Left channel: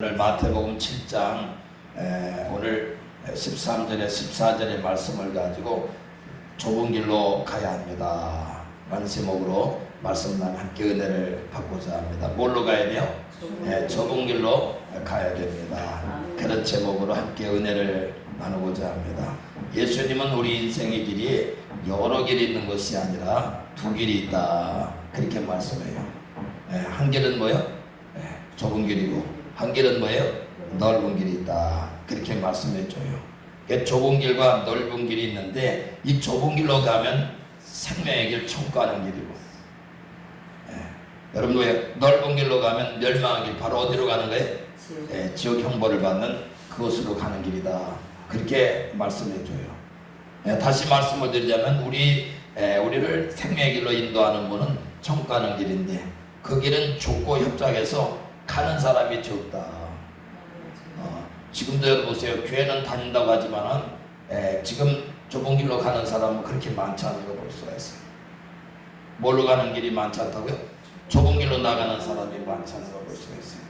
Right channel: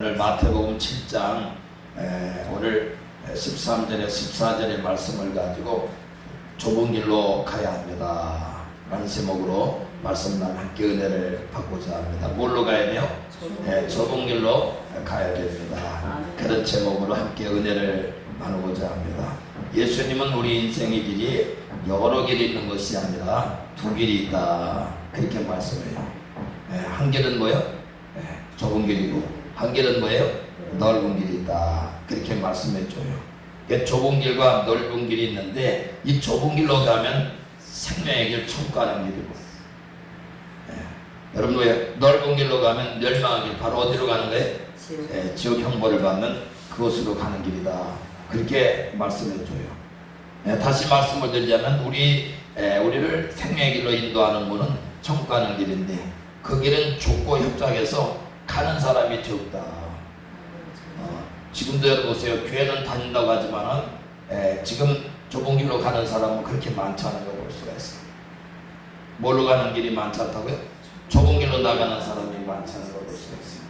오늘 마태복음 7장 오늘 13절에 14절의 말씀을 가지고 좁은 길로 가야 합니다 라는 제목으로 말씀만 함께 은혜를 받고자 합니다. 뭘로 가야 돼요? 좁은 길로 가야 됩니다. 그런 제목으로 함께 은혜를 나누고자 합니다. 예수님은 우리 인생의 길이 여러 길이 있는 것이 아니라 두 길이 있다 그렇게 말씀해요. 한 길은 뭐예요? 좁은 길이고 한 길은 뭐예요? 넓은 길이 있다 그렇게 말씀해줘요. 좁은 길과 넓은 길이 있는데 이 좁은 길로 가면 생명의 길, 천국 가는 길이고 여러분 뭐예요? 넓은 길로 가면 멸망의 길, 바로 어디로 가는 거예요? 지옥 형벌을 받는 그곳으로 가는 길이다 그렇게 말씀해줘요. 다시 말씀을 드리자면 우리를 생명의 길로 인도하는 분은 천국 가는 길인데 그 길은 좁고 협착해서 가는 사람이 적다. 지금도 여러분 보세요. 교회는 다닌다고 하지만은 지금 좁은 길로 가는 사람은 그렇게 많지 않은 걸 볼 수가 있어요. 뭘로 가는 길이 많지 않다고요? 좁은 길로 나가는 사람이 많지 않은 걸 볼 수가 있어요.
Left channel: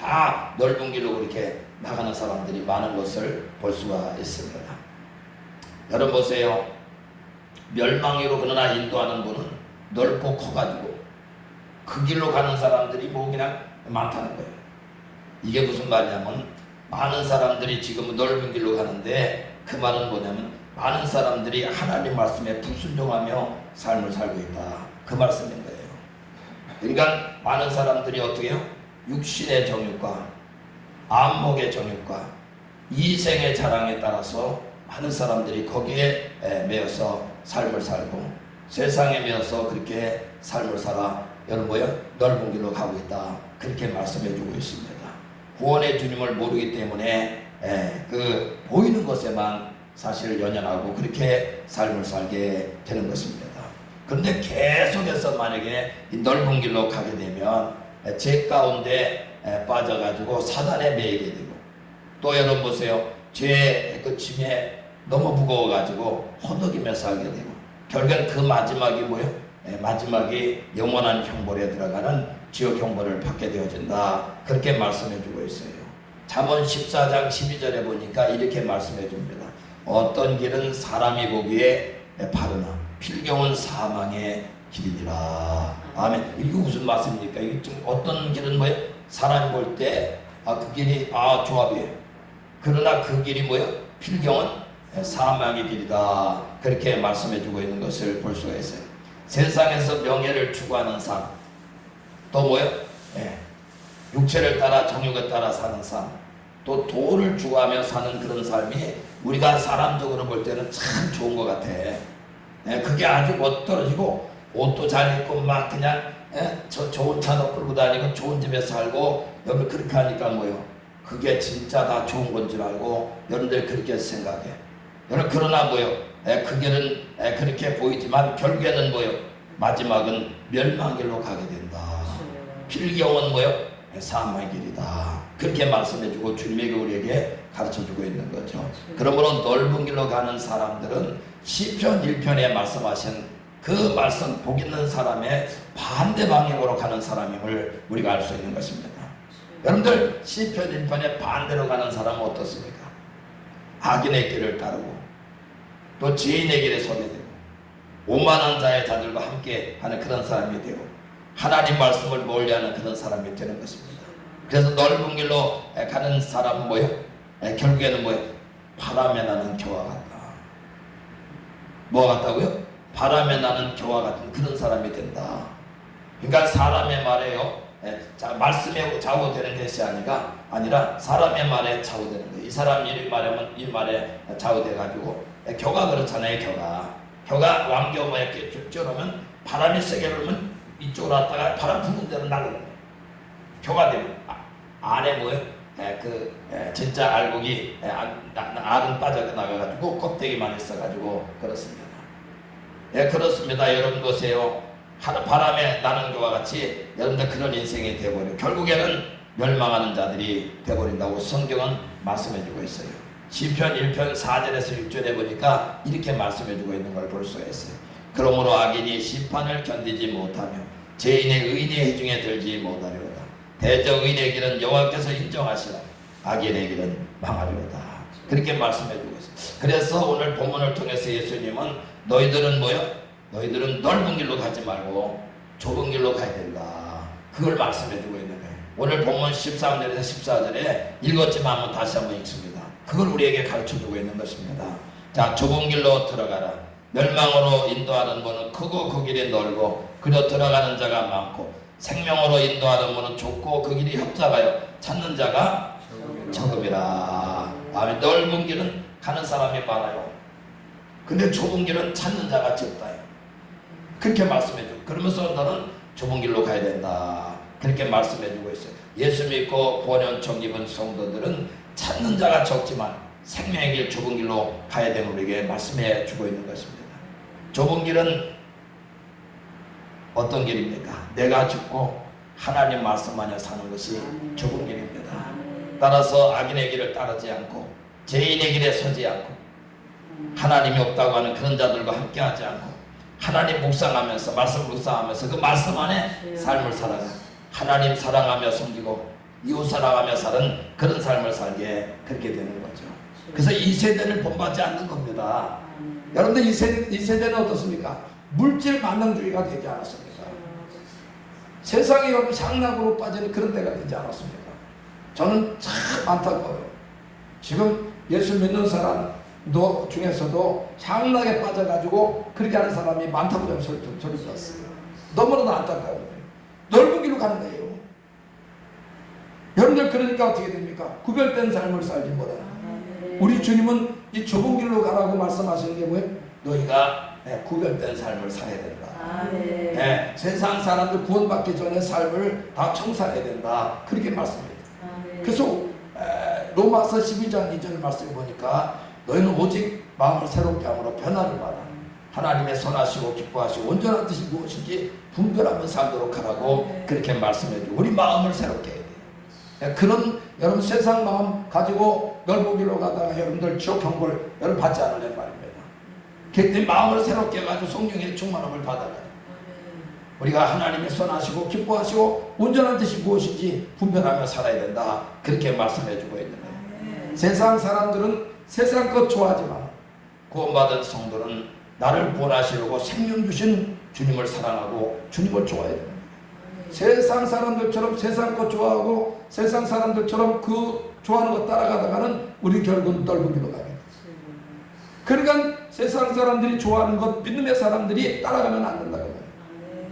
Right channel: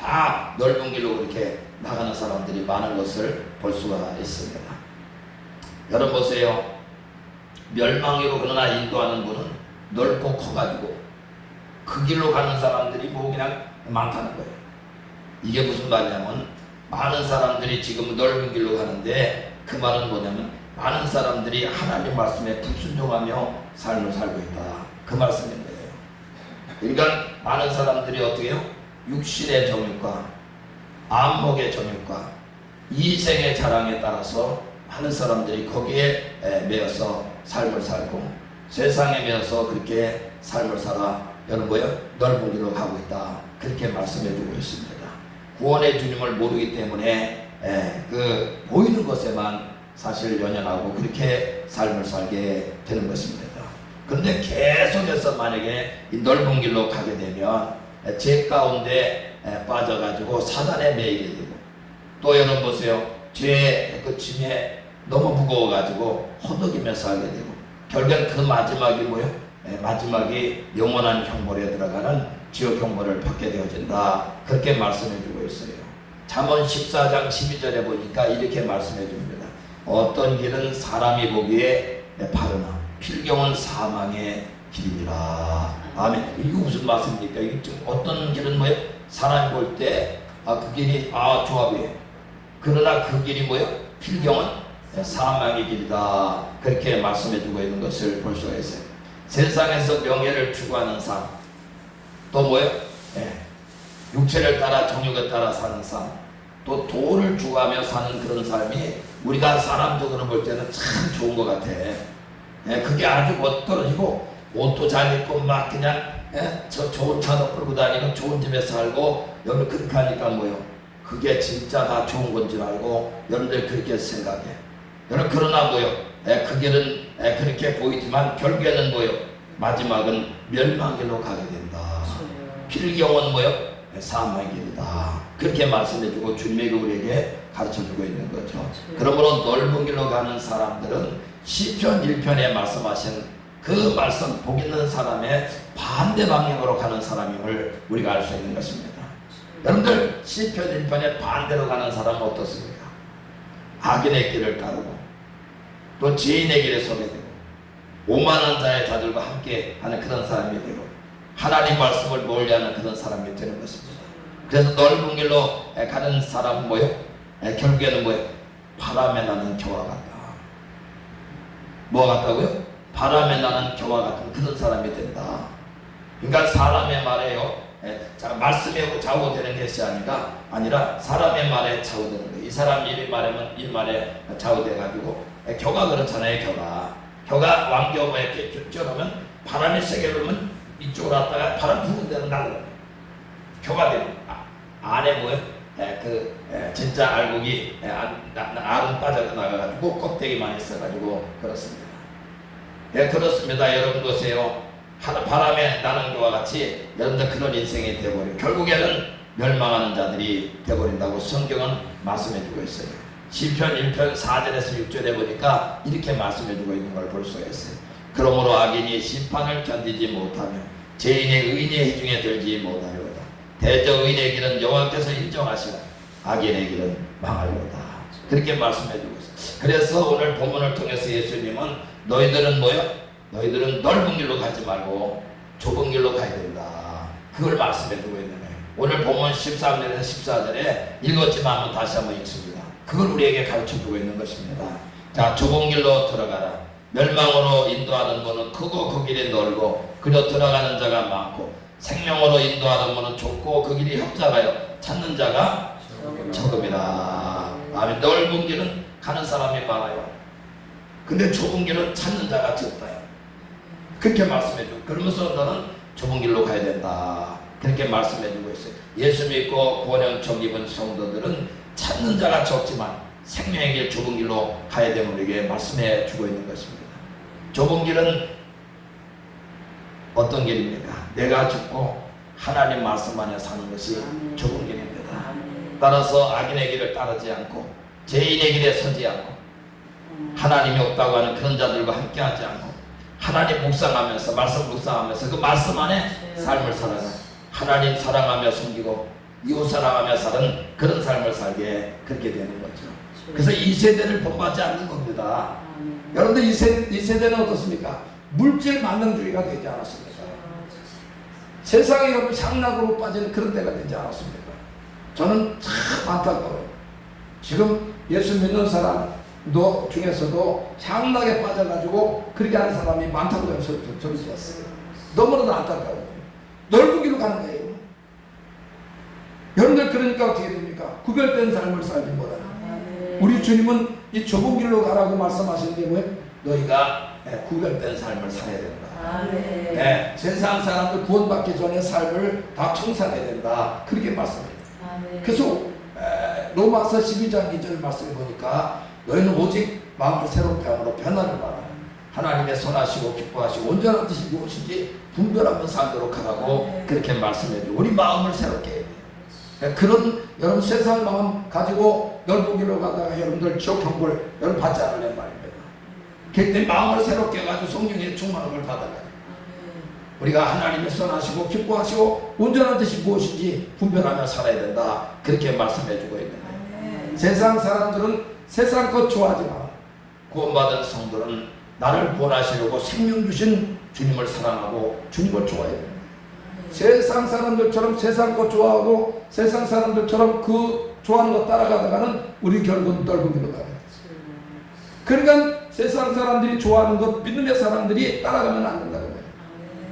다 넓은 길로 그렇게 나가는 사람들이 많은 것을 볼 수가 있습니다. 여러분 보세요. 멸망으로 그러나 인도하는 분은 넓고 커가지고 그 길로 가는 사람들이 뭐 그냥 많다는 거예요. 이게 무슨 말이냐면 많은 사람들이 지금 넓은 길로 가는데 그 말은 뭐냐면 많은 사람들이 하나님 말씀에 불순종하며 삶을 살고 있다 그 말씀인데 그러니까 많은 사람들이 어떻게 해요? 육신의 정욕과 안목의 정욕과 이생의 자랑에 따라서 많은 사람들이 거기에 매여서 삶을 살고 세상에 매여서 그렇게 삶을 살아 여러분 뭐예요? 넓은 길로 가고 있다 그렇게 말씀해주고 있습니다. 구원의 주님을 모르기 때문에 그 보이는 것에만 사실 연연하고 그렇게 삶을 살게 되는 것입니다. 그런데 계속해서 만약에 이 넓은 길로 가게 되면 죄 가운데 빠져가지고 사단에 매이게 되고 또 여러분 보세요. 죄의 그 짐에 너무 무거워가지고 허덕이며 살게 되고 결국엔 그 마지막이 뭐예요? 마지막이 영원한 형벌에 들어가는 지옥 형벌을 받게 되어진다 그렇게 말씀해주고 있어요. 잠언 14장 12절에 보니까 이렇게 말씀해줍니다. 어떤 길은 사람이 보기에 바르나 필경은 사망의 길이니라. 아멘. 이게 무슨 말씀입니까? 이게 지금 어떤 길은 뭐예요? 사람이 볼 때 그 길이 좋아 보여요. 그러나 그 길이 뭐예요? 필경은 사망의 길이다 그렇게 말씀해주고 있는 것을 볼 수가 있어요. 세상에서 명예를 추구하는 삶, 또 뭐예요? 육체를 따라 정욕에 따라 사는 삶, 또 돈을 추구하며 사는 그런 삶이 우리가 사람적으로 볼 때는 참 좋은 것 같아. 그게 아주 멋떨어지고 옷도 잘 입고 막 그냥 좋은 차도 끌고 다니고 좋은 집에 살고 여러분 그렇게 하니까 뭐예요? 그게 진짜 다 좋은 건 줄 알고 여러분들 그렇게 생각해. 여러분 그러나 뭐예요? 그 길은 그렇게 보이지만 결국에는 뭐예요? 마지막은 멸망길로 가게 된다. 필경은 뭐예요? 사망의 길이다. 그렇게 말씀해주고 주님이 우리에게 가르쳐주고 있는 거죠. 그러므로 넓은 길로 가는 사람들은 시편 1편에 말씀하신 그 말씀 복 있는 사람의 반대 방향으로 가는 사람임을 우리가 알 수 있는 것입니다. 여러분들 시편 1편에 반대로 가는 사람은 어떻습니까? 악인의 길을 따르고 또 죄인의 길에 서게 되고 오만한 자의 자들과 함께 하는 그런 사람이 되고 하나님 말씀을 멀리하는 그런 사람이 되는 것입니다. 그래서 넓은 길로 가는 사람은 뭐예요? 결국에는 뭐예요? 바람에 나는 겨와 같다. 뭐 같다고요? 바람에 나는 겨와 같은 그런 사람이 된다. 그러니까 사람의 말에요. 말씀에 좌우되는 것이 아니라 사람의 말에 좌우되는 거예요. 이 사람 이 말하면 이 말에 좌우돼가지고 겨가 그렇잖아요. 겨가 왕겨가 이렇게 쪄놓으면 바람이 세게 불면 이쪽으로 왔다가 바람 부는 데는 나가요. 겨가 되고 안에 뭐예요? 진짜 알곡이 알은 빠져나가가지고 껍데기만 있어가지고 그렇습니다. 그렇습니다. 여러분 보세요. 바람에 나는 것과 같이 여러분들 그런 인생이 되어버려요. 결국에는 멸망하는 자들이 되어버린다고 성경은 말씀해주고 있어요. 시편 1편 4절에서 6절에 보니까 이렇게 말씀해주고 있는 걸 볼 수가 있어요. 그러므로 악인이 심판을 견디지 못하며 죄인의 의인의 해중에 들지 못하려다. 대저 의인의 길은 여호와께서 인정하시나 악인의 길은 망하리로다. 그렇게 말씀해주고 있어요. 그래서 오늘 본문을 통해서 예수님은 너희들은 뭐야? 너희들은 넓은 길로 가지 말고 좁은 길로 가야 된다. 그걸 말씀해주고 있는 거예요. 오늘 본문 13절에서 14절에 읽었지만 한번 다시 한번 읽습니다. 그걸 우리에게 가르쳐주고 있는 것입니다. 자, 좁은 길로 들어가라. 멸망으로 인도하는 문은 크고 그 길이 넓고 그려 들어가는 자가 많고 생명으로 인도하는 문은 좁고 그 길이 협잡하여 찾는 자가 적음이라. 아멘. 넓은 길은 가는 사람이 많아요. 근데 좁은 길은 찾는 자가 적다요. 그렇게 말씀해주고, 그러면서 너는 좁은 길로 가야 된다. 그렇게 말씀해주고 있어요. 예수 믿고 구원의 은총 입은 성도들은 찾는 자가 적지만 생명의 길 좁은 길로 가야 됨을 우리에게 말씀해 주고 있는 것입니다. 좁은 길은 어떤 길입니까? 내가 죽고 하나님 말씀만을 사는 것이 좁은 길입니다. 따라서 악인의 길을 따르지 않고 죄인의 길에 서지 않고 하나님이 없다고 하는 그런 자들과 함께하지 않고 하나님 묵상하면서 말씀 묵상하면서 그 말씀 안에 삶을 살아가 하나님 사랑하며 섬기고 이웃 사랑하며 사는 그런 삶을 살게 그렇게 되는 거죠. 그래서 이 세대를 본받지 않는 겁니다. 여러분들 이 세대는 어떻습니까? 물질 만능주의가 되지 않았습니까? 세상에 여러분 향락으로 빠지는 그런 때가 되지 않았습니까? 저는 참 안타까워요. 지금 예수 믿는 사람 중에서도 향락에 빠져가지고 그렇게 하는 사람이 많다고 저는 들었어요. 너무나도 안타까워요. 넓은 길로 가는 거예요. 여러분들 그러니까 어떻게 됩니까? 구별된 삶을 살지 뭐라. 우리 주님은 이 좁은 길로 가라고 말씀하시는 게 뭐예요? 너희가 구별된 삶을 살아야 된다. 네, 세상 사람들 구원받기 전에 삶을 다 청산해야 된다. 그렇게 말씀해요. 그래서 로마서 12장 2절 말씀을 보니까 너희는 오직 마음을 새롭게 함으로 변화를 받아 하나님의 선하시고 기뻐하시고 온전한 뜻이 무엇인지 분별하며 살도록 하라고 그렇게 말씀해요. 우리 마음을 새롭게 해야 돼요. 그런 여러분 세상 마음 가지고 넓은 길로 가다가 여러분들 지옥 형벌 여러분 받지 않으려는 말입니다. 그때 마음을 새롭게 해가지고 성령의 충만함을 받아가지고 우리가 하나님의 선하시고 기뻐하시고 온전한 뜻이 무엇인지 분별하며 살아야 된다. 그렇게 말씀해주고 있는 거예요. 세상 사람들은 세상 것 좋아하지만 구원받은 성도는 나를 구원하시려고 생명 주신 주님을 사랑하고 주님을 좋아해야 됩니다. 세상 사람들처럼 세상 것 좋아하고 세상 사람들처럼 그 좋아하는 것 따라가다가는 우리 결국은 넓은 길로 가요. 그러니까 세상 사람들이 좋아하는 것 믿음의 사람들이 따라가면 안 된다고 해요.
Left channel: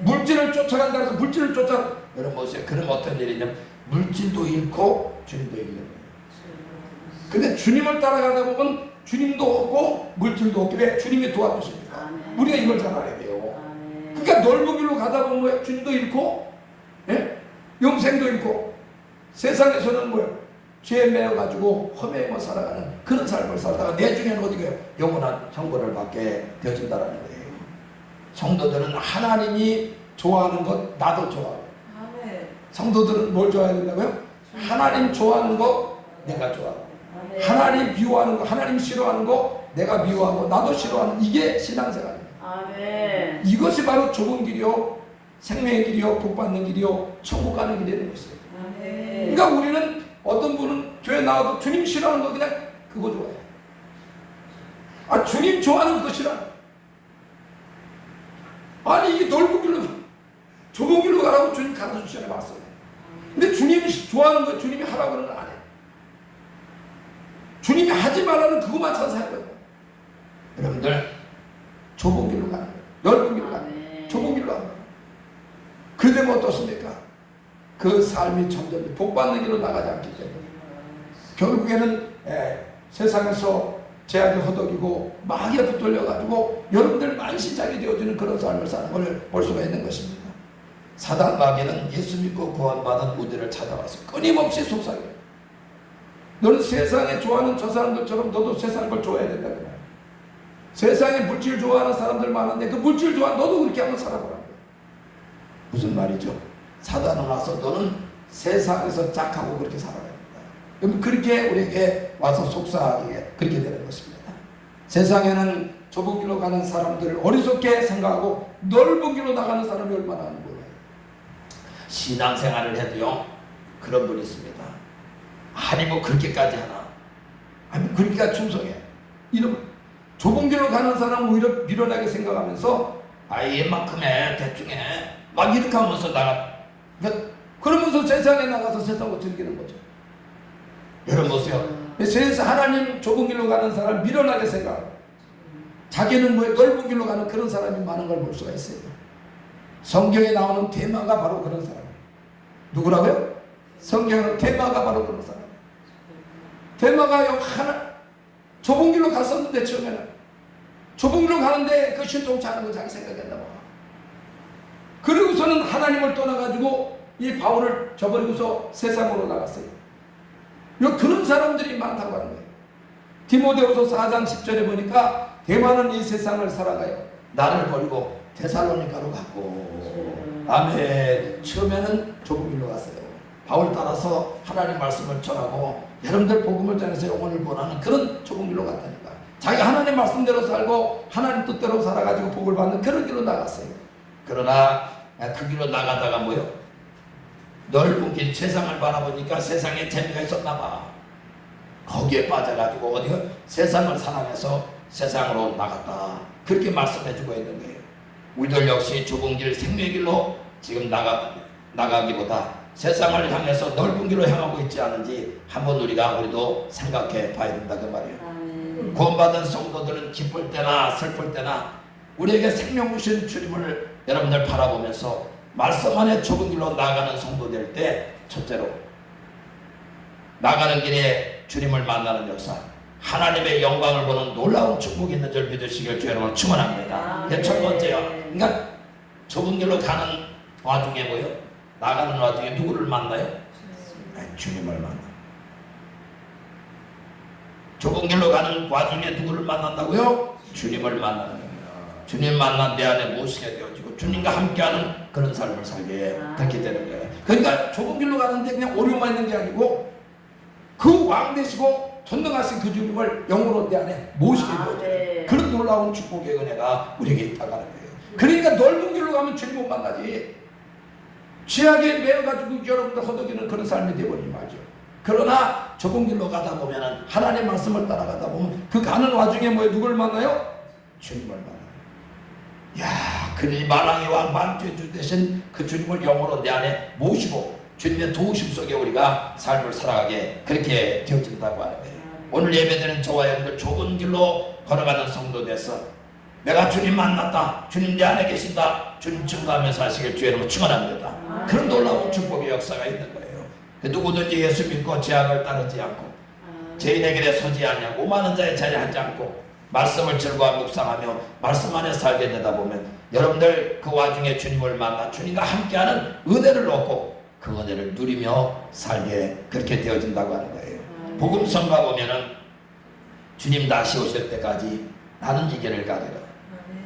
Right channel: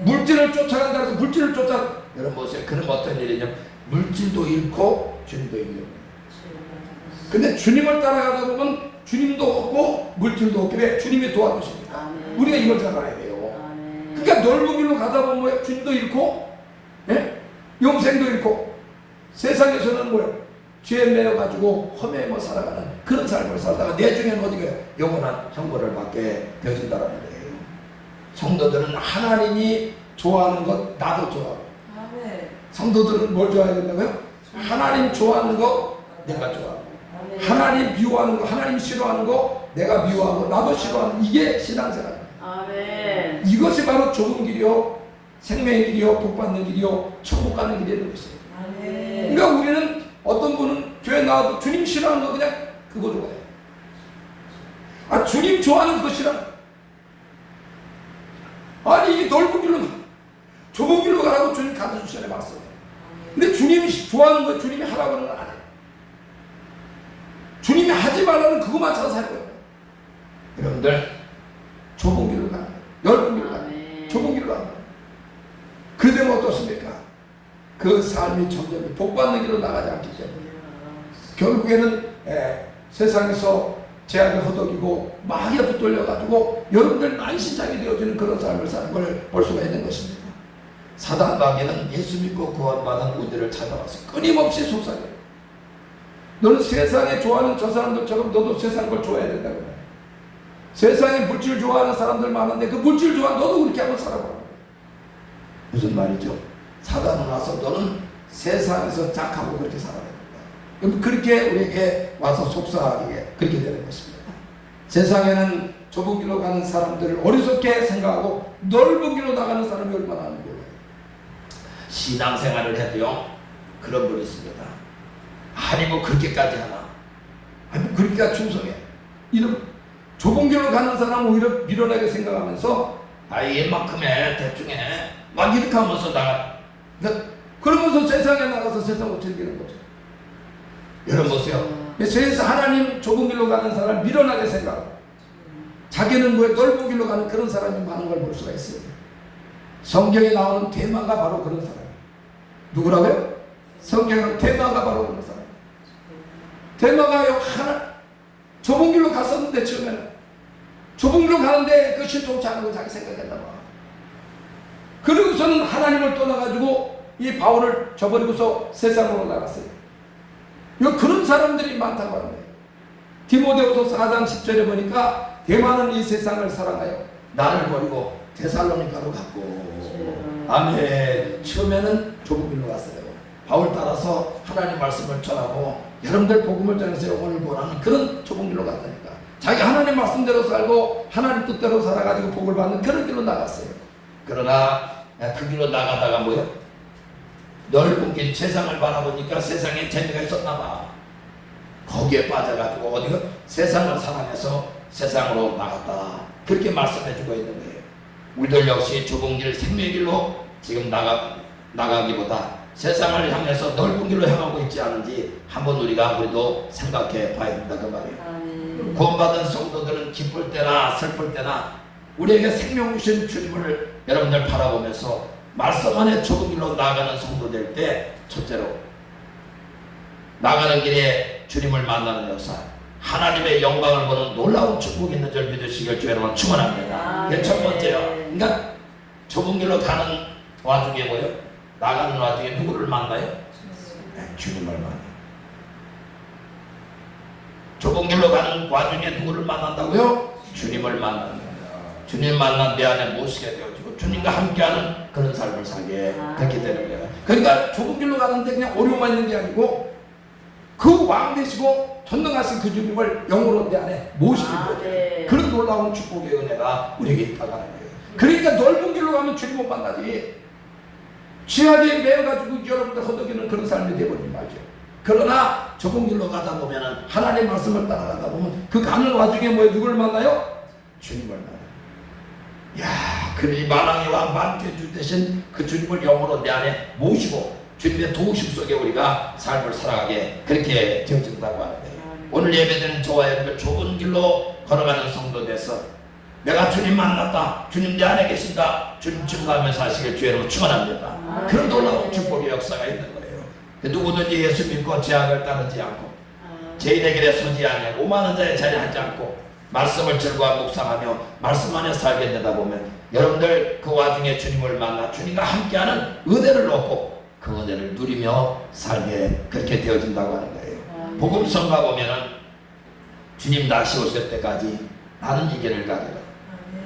물질을 쫓아간다 해서 물질을 쫓아 여러분 보세요. 그럼 어떤 일이냐면 물질도 잃고 주님도 잃는 거예요. 근데 주님을 따라가다 보면 주님도 없고 물질도 없게 돼. 주님이 도와주십니다. 우리가 이걸 잘 알아야 돼요. 그러니까 넓은 길로 가다 보면 주님도 잃고 영생도 잃고 세상에서는 뭐예요? 죄에 매여가지고 험해서 살아가는 그런 삶을 살다가 내 중에는 어디가요? 영원한 형벌을 받게 되어진다는 거예요. 성도들은 하나님이 좋아하는 것 나도 좋아하고 성도들은 뭘 좋아해야 된다고요? 하나님 좋아하는 거 내가 좋아하고 하나님 미워하는 거 하나님 싫어하는 거 내가 미워하고 나도 싫어하는 이게 신앙생활입니다. 이것이 바로 좁은 길이요 생명의 길이요 복받는 길이요 천국 가는 길이라는 것이에요. 그러니까 우리는 어떤 분은 교회 나와도 주님 싫어하는 거 그냥 그거 좋아해요. 아 주님 좋아하는 거 싫어. 아니 이게 넓은 길로 좁은 길로 가라고 주님 가르쳐주시네 봤어요. 근데 주님이 좋아하는 거 주님이 하라고 하는 건 아니에요. 주님이 하지 말라는 그것만 찾아서 할 거예요. 여러분들 좁은 길로 가는 거예요. 넓은 길로 가는 거예요. 좁은 길로 가는 거예요. 그러면 어떻습니까? 그 삶이 점점 복받는 길로 나가지 않기 때문에 결국에는 세상에서 제약이 허덕이고 마귀에 붙들려가지고 여러분들 만신창이 되어지는 그런 삶을 사는 걸 볼 수가 있는 것입니다. 사단 마귀는 예수 믿고 구원받은 우리를 찾아와서 끊임없이 속삭여요. 너는 세상에 좋아하는 저 사람들처럼 너도 세상 걸 좋아해야 된다고 해요. 세상에 물질 좋아하는 사람들 많은데 그 물질 좋아하는 너도 그렇게 한번 살아보라고. 무슨 말이죠? 사단은 와서 너는 세상에서 착하고 그렇게 살아야 된다. 그렇게 우리에게 와서 속삭이게 그렇게 되는 것입니다. 세상에는 좁은 길로 가는 사람들을 어리석게 생각하고 넓은 길로 나가는 사람이 얼마나 많은 거예요. 신앙생활을 해도요 그런 분이 있습니다. 아니 뭐 그렇게까지 하나? 아니 그렇게까지 충성해? 이런 좁은 길로 가는 사람 오히려 미련하게 생각하면서 얘만큼에 대충 해막 이렇게 하면서 나가. 그러면서 세상에 나가서 세상을 즐기는 거죠. 여러분 보세요. 세상 하나님 좁은 길로 가는 사람을 미련하게 생각하고 자기는 뭐 넓은 길로 가는 그런 사람이 많은 걸 볼 수가 있어요. 성경에 나오는 대마가 바로 그런 사람이에요. 누구라고요? 성경에는 대마가 바로 그런 사람이에요. 대마가 하나 좁은 길로 갔었는데 처음에는 좁은 길로 가는데 그 실종치 않은 거 자기 생각했나 봐. 그러고서는 하나님을 떠나가지고 이 바울을 저버리고서 세상으로 나갔어요. 그런 사람들이 많다고 하는 거예요. 디모데후서 4장 10절에 보니까 대마는 이 세상을 살아가요. 나를 버리고 데살로니가로 갔고. 아멘. 처음에는 좁은 길로 갔어요. 바울 따라서 하나님 말씀을 전하고 여러분들 복음을 전해서 영혼을 구원하는 그런 좁은 길로 갔다니까. 자기 하나님 말씀대로 살고 하나님 뜻대로 살아가지고 복을 받는 그런 길로 나갔어요. 그러나 그 길로 나가다가 뭐요? 넓은 길 세상을 바라보니까 세상에 재미가 있었나 봐. 거기에 빠져가지고 어디가 세상을 사랑해서 세상으로 나갔다. 그렇게 말씀해주고 있는 거예요. 우리들 역시 좁은 길 생명의 길로 지금 나가기보다 세상을 향해서 넓은 길로 향하고 있지 않은지 한번 우리도 생각해 봐야 된다 그 말이에요. 구원받은 성도들은 기쁠 때나 슬플 때나 우리에게 생명 주신 주님을 여러분들 바라보면서 말씀 안에 좁은 길로 나아가는 성도 될 때 첫째로 나가는 길에 주님을 만나는 역사, 하나님의 영광을 보는 놀라운 축복이 있는 줄 믿으시길 주 여러분 축원합니다. 이게 첫 번째요. 그러니까 좁은 길로 가는 와중에 뭐예요? 나가는 와중에 누구를 만나요? 주님을 만나요. 좁은 길로 가는 와중에 누구를 만난다고요? 주님을 만나는 거예요. 주님 만난 내 안에 모시게 되어지고 주님과 함께하는 그런 삶을 살게 됐기 때문에. 그러니까 좁은 길로 가는데 그냥 오류만 있는 게 아니고 그 왕 되시고 전능하신 그 주님을 영으로 내 안에 모시게 되어져요. 그런 놀라운 축복의 은혜가 우리에게 있다고 하는 거예요. 그러니까 넓은 길로 가면 주님 못 만나지. 취하게 매어가지고 여러분들 허덕이는 그런 삶이 되어버리는 말이죠. 그러나 좁은 길로 가다 보면은 하나님의 말씀을 따라가다 보면 그 가는 와중에 뭐 누구를 만나요? 주님을 만나요. 야, 그러니 만왕의 왕 만주주 되신 그 주님을 영으로 내 안에 모시고 주님의 도우심 속에 우리가 삶을 살아가게 그렇게 되어진다고 하는 거예요. 오늘 예배드리는 저와 여러분들 좁은 길로 걸어가는 성도돼서 내가 주님 만났다, 주님 내 안에 계신다, 주님 증거하면서 하시길 주 여러분 축원합니다. 그런 놀라운 축복의 역사가 있는 거예요. 누구든지 예수 믿고 제약을 따르지 않고 죄인의 길에 서지 않으며 오만한 자의 자리에 앉지 않고 말씀을 즐거워 묵상하며 말씀 안에 살게 되다 보면 여러분들 그 와중에 주님을 만나 주님과 함께하는 은혜를 얻고 그 은혜를 누리며 살게 그렇게 되어진다고 하는 거예요. 복음성가 보면은 주님 다시 오실 때까지 나는 이 길을 가리라.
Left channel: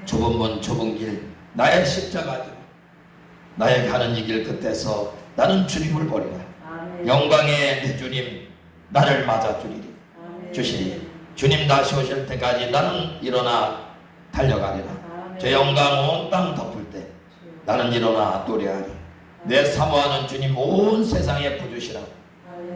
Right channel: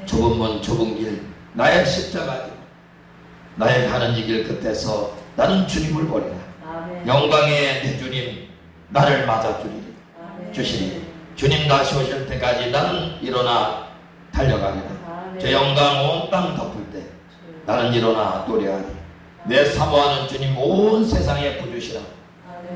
좁은 문 좁은 길 나의 십자가 나의 가는 이 길 끝에서 나는 주님을 보리라. 영광의 내 주님 나를 맞아 주시리. 주님 다시 오실 때까지 나는 일어나 달려가리라. 제 영광 온 땅 덮을 때 나는 일어나 노래하리. 내 사모하는 주님 온 세상에 부주시라.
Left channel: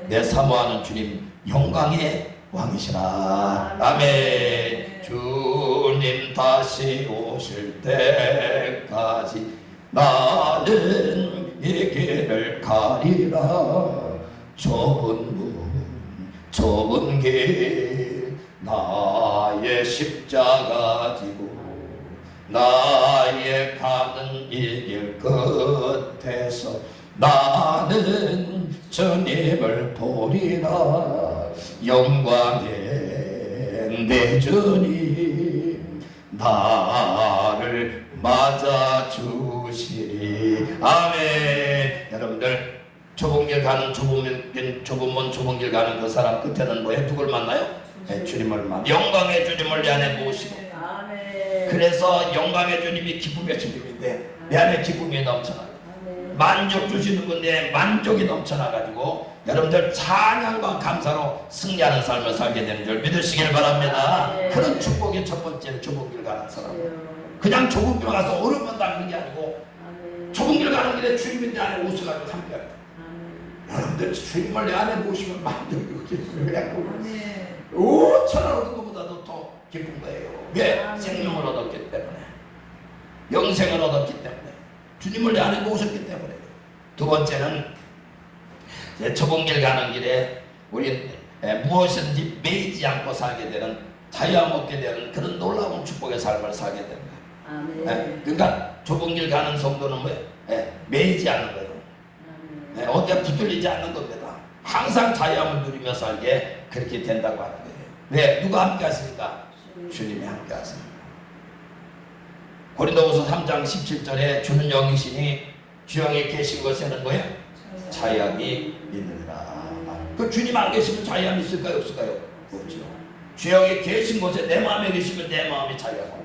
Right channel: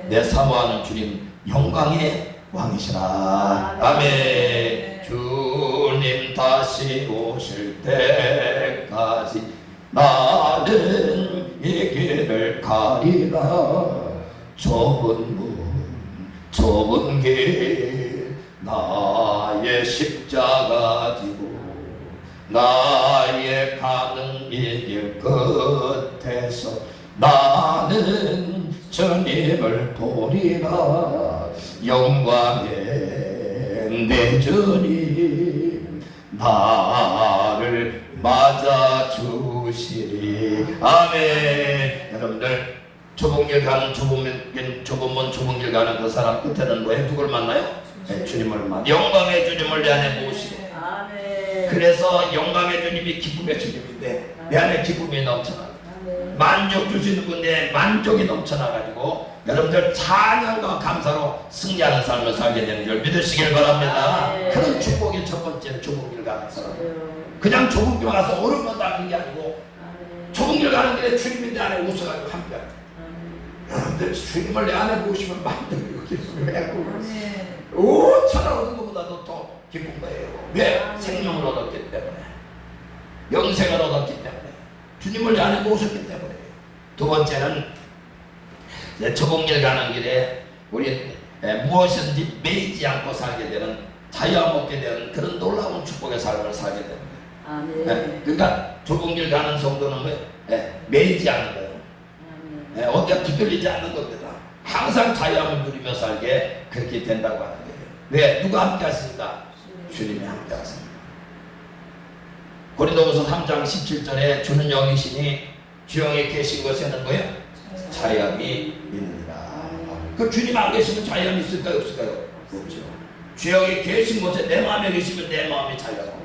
내 사모하는 주님 영광의 왕이시라. 아멘. 주님 다시 오실 때까지 나는 이 길을 가리라. 좁은 문 좁은 길 나의 십자가 지고 나의 가는 이 길 끝에서 나는 주님을 보리라. 영광의 내 주님 나를 맞아 주시리. 아멘. 여러분들 좁은 길 가는 좁은 길 가는 그 사람 끝에는 뭐예요? 누굴 만나요? 네, 주님을 만나. 영광의 주님을 내 안에 모시고. 그래서 영광의 주님이 기쁨의 주님인데 내 안에 기쁨이 넘쳐나. 만족 주시는 분에 만족이 넘쳐나가지고 여러분들 찬양과 감사로 승리하는 삶을 살게 되는 줄 믿으시길 바랍니다. 그런 축복이 첫 번째는 좁은 길 가는 사람. 그냥 좁은 길 가서 어려움만 당하는 게 아니고 좁은 길 가는 길에 주님이 내 안에 웃어가지고 함께하는. 여러분들 주님을 내 안에 모시면 만족이고 기쁨이 그냥 아멘. 5천원 얻은 것보다도 더 기쁜 거예요. 왜? 생명을 얻었기 때문에, 영생을 얻었기 때문에, 주님을 내 안에 모셨기 때문에. 두 번째는 좁은 길 가는 길에 우리 무엇이든지 매이지 않고 살게 되는, 자유와 먹게 되는 그런 놀라운 축복의 삶을 살게 되는 거예요. 아멘. 그러니까 좁은 길 가는 성도는 뭐예요? 매이지 않는 거예요. 어디가 두들리지 않는 겁니다. 항상 자유함을 누리며 살게 그렇게 된다고 하는 거예요. 왜? 누가 함께 하시니까? 주님이 함께 하십니다. 고린도후서 3장 17절에 주는 영이시니 주 영에 계신 곳에는 뭐예요? 자유함이 있느니라. 그 주님 안 계시면 자유함이 있을까요? 없을까요? 없죠. 주 영에 계신 곳에 내 마음에 계시면 내 마음이 자유하고,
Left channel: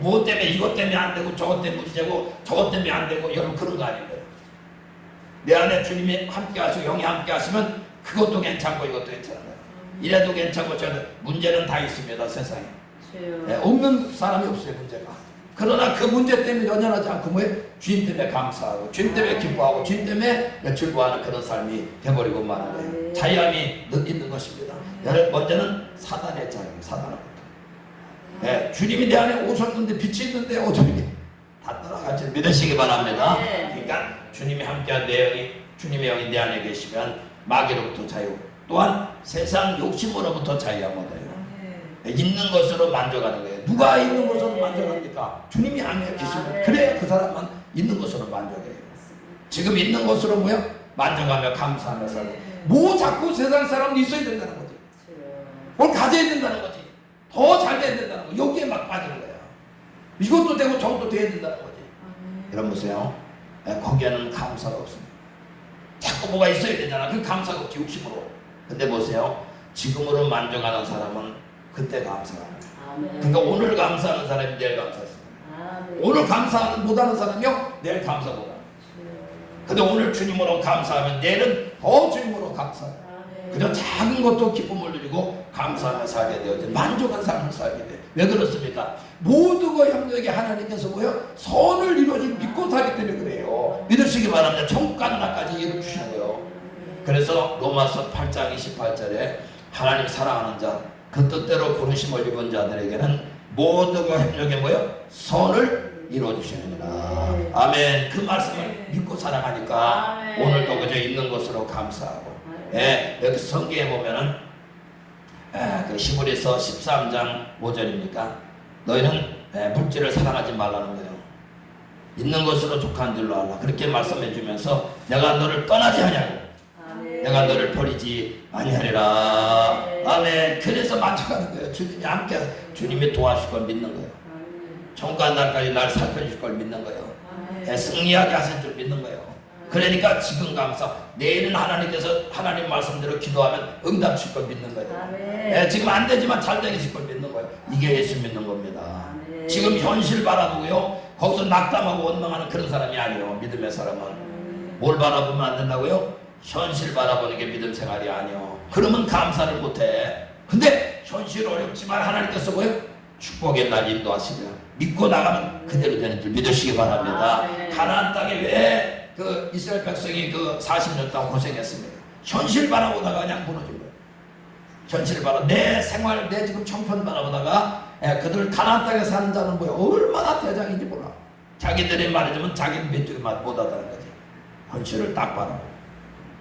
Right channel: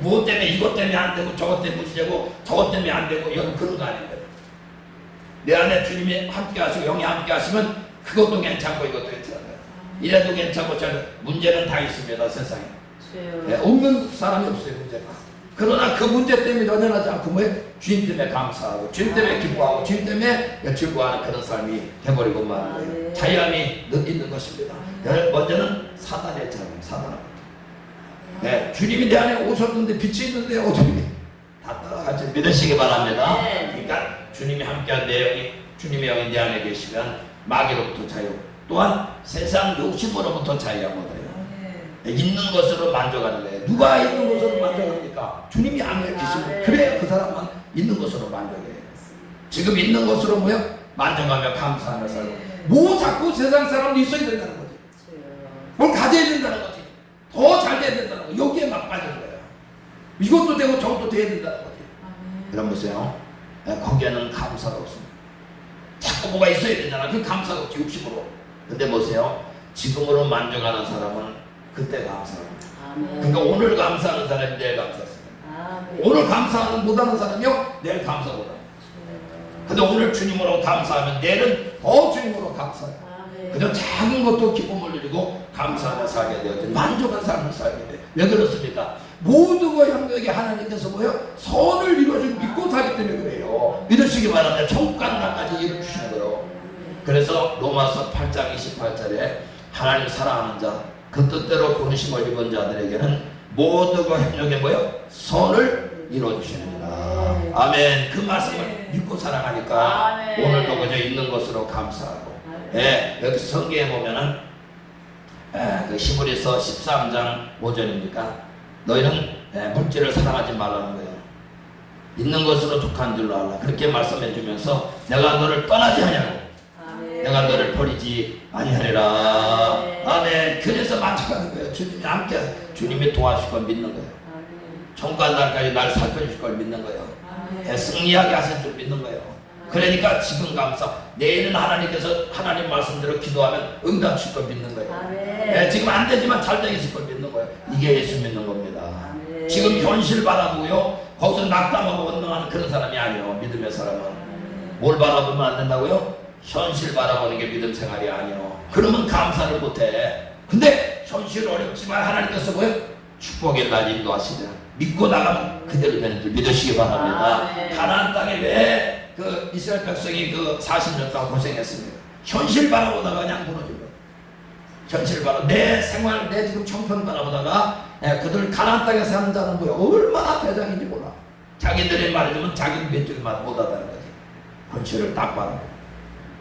무엇 때문에 이것 때문에 안 되고 저것 때문에 문제고 저것 때문에 안 되고 이건 그런 거 아닌 거예요. 내 안에 주님이 함께 하시고 영이 함께 하시면 그것도 괜찮고 이것도 괜찮아요. 이래도 괜찮고 저래도 문제는 다 있습니다. 세상에. 없는 사람이 없어요. 문제가. 그러나 그 문제 때문에 연연하지 않고 뭐예요? 주님 때문에 감사하고 주님 때문에 기뻐하고 주님 때문에 즐거워하는 그런 삶이 돼버리고 마는 거예요. 자유함이 있는 것입니다. 먼저는 사단의 자유, 사단의 주님이 내 안에 오셨는데 빛이 있는데 어떻게 다 따라가지 믿으시기 바랍니다. 그러니까 주님이 함께한 내 영이, 주님의 영이 내 안에 계시면 마귀로부터 자유, 또한 세상 욕심으로부터 자유하게 돼요. 있는 것으로 만족하는 거예요. 누가 있는 것으로 만족합니까? 주님이 안에 계시면 그래야 그 사람만 있는 것으로 만족해요. 지금 있는 것으로 뭐야? 만족하며 감사하며 살고. 뭐 자꾸 세상 사람도 있어야 된다는 거지. 뭘 가져야 된다는 거지. 더 잘 돼야 된다는 거. 여기에 막 빠지는 거예요. 이것도 되고 저것도 돼야 된다는 거지. 여러분 보세요. 거기에는 감사가 없습니다. 자꾸 뭐가 있어야 되잖아. 그 감사가 없지. 욕심으로. 근데 보세요. 지금으로 만족하는 사람은 그때 감사합니다. 그러니까 오늘 감사하는 사람이 내일 감사했습니다. 오늘 감사하는 못하는 사람이요 내일 감사 못합니다. 근데 오늘 주님으로 감사하면 내일은 더 주님으로 감사해요. 그저 작은 것도 기쁨을 누리고 감사하며 살게 되어져 만족한 삶을 살게 돼요. 왜 그렇습니까? 모두가 협력에 하나님께서 뭐요? 선을 이루어줄 믿고 살기 때문에 그래요. 믿으시기 바랍니다. 천국 가는 날까지 이루어주시는 거예요. 그래서 로마서 8장 28절에 하나님 사랑하는 자, 그 뜻대로 부르심을 입은 자들에게는 모두가 협력에 뭐요? 선을 이루어주시느니라. 아멘. 그 말씀을 믿고 살아가니까 오늘도 그저 있는 것으로 감사하고. 여기 성경에 보면은 그 히브리서 13장 5절입니까? 너희는 물질을 사랑하지 말라는 거예요. 있는 것으로 족한 줄로 알라. 그렇게 말씀해 주면서 내가 너를 떠나지 아니하고 내가 너를 버리지 아니하리라. 아멘. 그래서 만족하는 거예요. 주님이 함께 주님이 도와줄 걸 믿는 거예요. 정관 날까지 날 살펴줄 걸 믿는 거예요. 승리하게 하실 줄 믿는 거예요. 그러니까 지금 감사, 내일은 하나님께서 하나님 말씀대로 기도하면 응답 줄 걸 믿는 거예요. 지금 안 되지만 잘 되게 줄 걸 믿는 거예요. 이게 예수 믿는 겁니다. 지금 현실 바라보고요 거기서 낙담하고 원망하는 그런 사람이 아니에요. 믿음의 사람은 뭘 바라보면 안 된다고요? 현실 바라보는 게 믿음 생활이 아니에요. 그러면 감사를 못해. 근데 현실 어렵지만 하나님께서 뭐예요? 축복의 날 인도하시냐. 믿고 나가면 그대로 되는 줄 믿으시기 바랍니다. 가나안 땅에 왜 그 이스라엘 백성이 그 40년 동안 고생했습니다. 현실 바라보다가 그냥 무너진 거예요. 현실 바라 내 생활, 내 지금 형편 바라보다가 그들 가나안 땅에 사는 자는 뭐야? 얼마나 대장인지 몰라. 자기들이 말해주면 자기는 몇 줄 못하다는 거지. 현실을 딱 바라보고.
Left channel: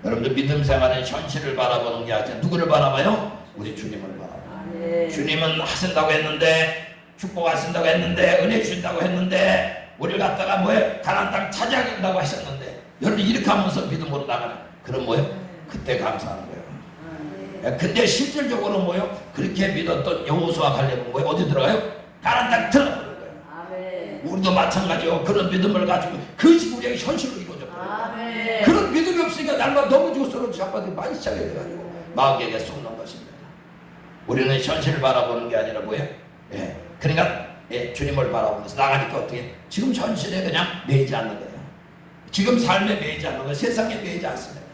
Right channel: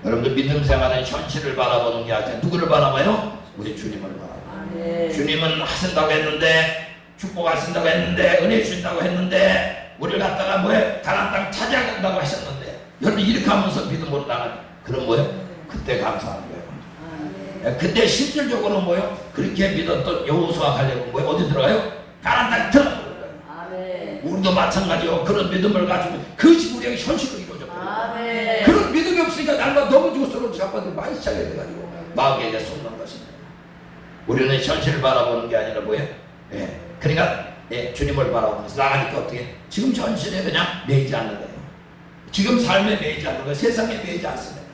여러분들 믿음 생활은 현실을 바라보는 게 아니라 누구를 바라봐요? 우리 주님을 바라봐요. 주님은 하신다고 했는데, 축복하신다고 했는데, 은혜 주신다고 했는데, 우리를 갖다가 뭐예요? 가나안 땅 찾아간다고 하셨는데, 여러분 이렇게 하면서 믿음으로 나가는, 그럼 뭐예요? 그때 감사하는 거예요. 그때 실질적으로 뭐예요? 그렇게 믿었던 여호수아 갈렙은 뭐예요? 어디 들어가요? 가나안 땅 들어가는 거예요. 우리도 마찬가지요. 그런 믿음을 가지고 그것이 우리에게 현실로 이루어져 버려요. 그런 믿음이 없으니까 날마다 너무 죽어서는 잡아도 많이 시작이 돼가지고 마귀에게 쏟는 것입니다. 우리는 현실을 바라보는 게 아니라 뭐예요? 그러니까 주님을 바라보면서 나가니까 어떻게? 지금 현실에 그냥 매이지 않는 거예요. 지금 삶에 매이지 않는 거예요. 세상에 매이지 않습니다.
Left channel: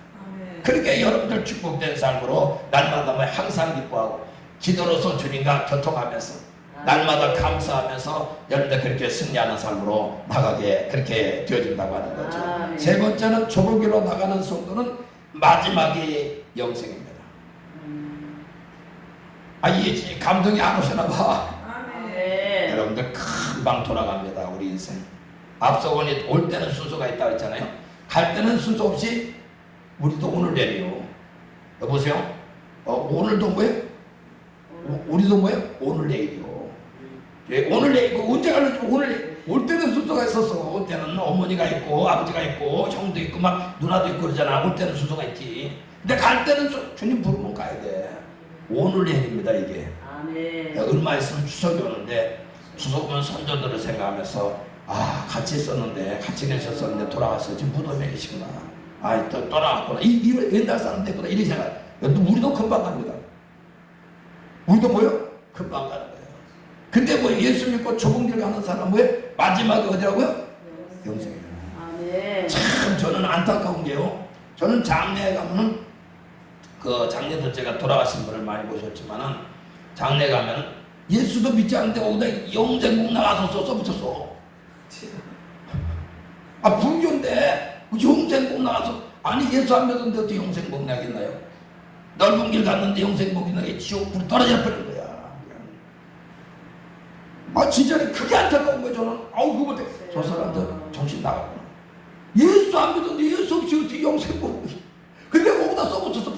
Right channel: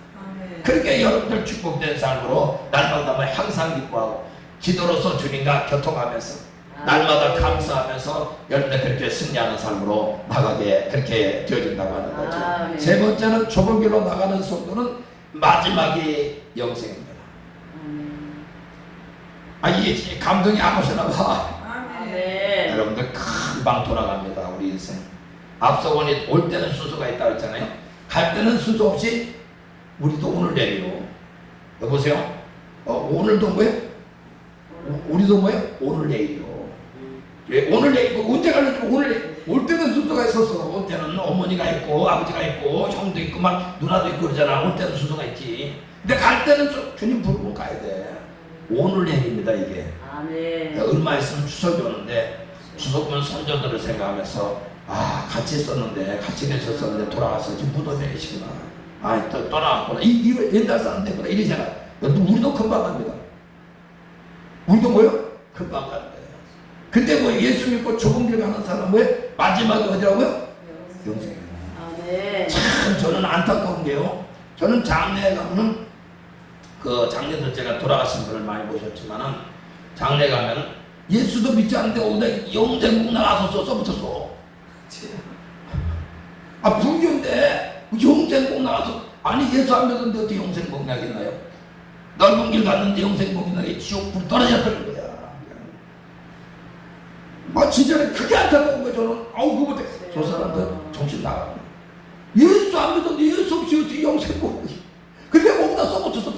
그렇게 여러분들 축복된 삶으로 날마다 항상 기뻐하고 기도로서 주님과 교통하면서 날마다 감사하면서 여러분들 그렇게 승리하는 삶으로 나가게 그렇게 되어진다고 하는 거죠. 세 번째는 좁은 길로 나가는 성도는 마지막이 영생입니다. 이게 감동이 안 오시나 봐. 아멘. 여러분들 금방 돌아갑니다. 우리 인생. 앞서 보니 올 때는 순서가 있다고 했잖아요. 갈 때는 순서 없이 우리도 오늘 내려요. 여보세요? 오늘도 뭐예요? 우리도 뭐예요? 오늘 내일이요. 예, 오늘 내일 언제 갈는지 오늘 내일. 올 때는 순서가 있었어. 올 때는 어머니가 있고 아버지가 있고 형도 있고 막 누나도 있고 그러잖아. 올 때는 순서가 있지. 근데 갈 때는 주님 부르고 가야 돼. 오늘 내일입니다 이게. 아멘. 얼마 있으면 추석이 오는데 추석이면 선조들을 생각하면서 같이 있었는데 같이 계셨었는데 돌아가서 지금 무덤에 계시구나. 또 떠나갔구나. 이 옛날 사람 됐구나. 이런 생각. 우리도 금방 갑니다. 우리도 뭐요? 금방 가는 거예요. 근데 뭐 예수 믿고 좁은 길 가는 사람 뭐예요? 마지막에 어디라고요? 영생이에요. 아멘. 참 저는 안타까운 게요. 저는 장례에 가면은 그 장례들 제가 돌아가신 분을 많이 보셨지만은 장례 가면은 예수도 믿지 않는데 오다 영생복 나가서 써붙였어. 불교인데 영생복 나가서 예수 안 믿었는데 어떻게 영생복 나겠나요? 넓은 길 갔는데 영생복이 나게 지옥 불 떨어져 버린 거야. 진짜는 그게 안타까운 거야. 저는 그거 때 저 사람들 정신 나가고 예수 안 믿었는데 예수 없이 어떻게 영생복이. 근데 거기다 써붙였어.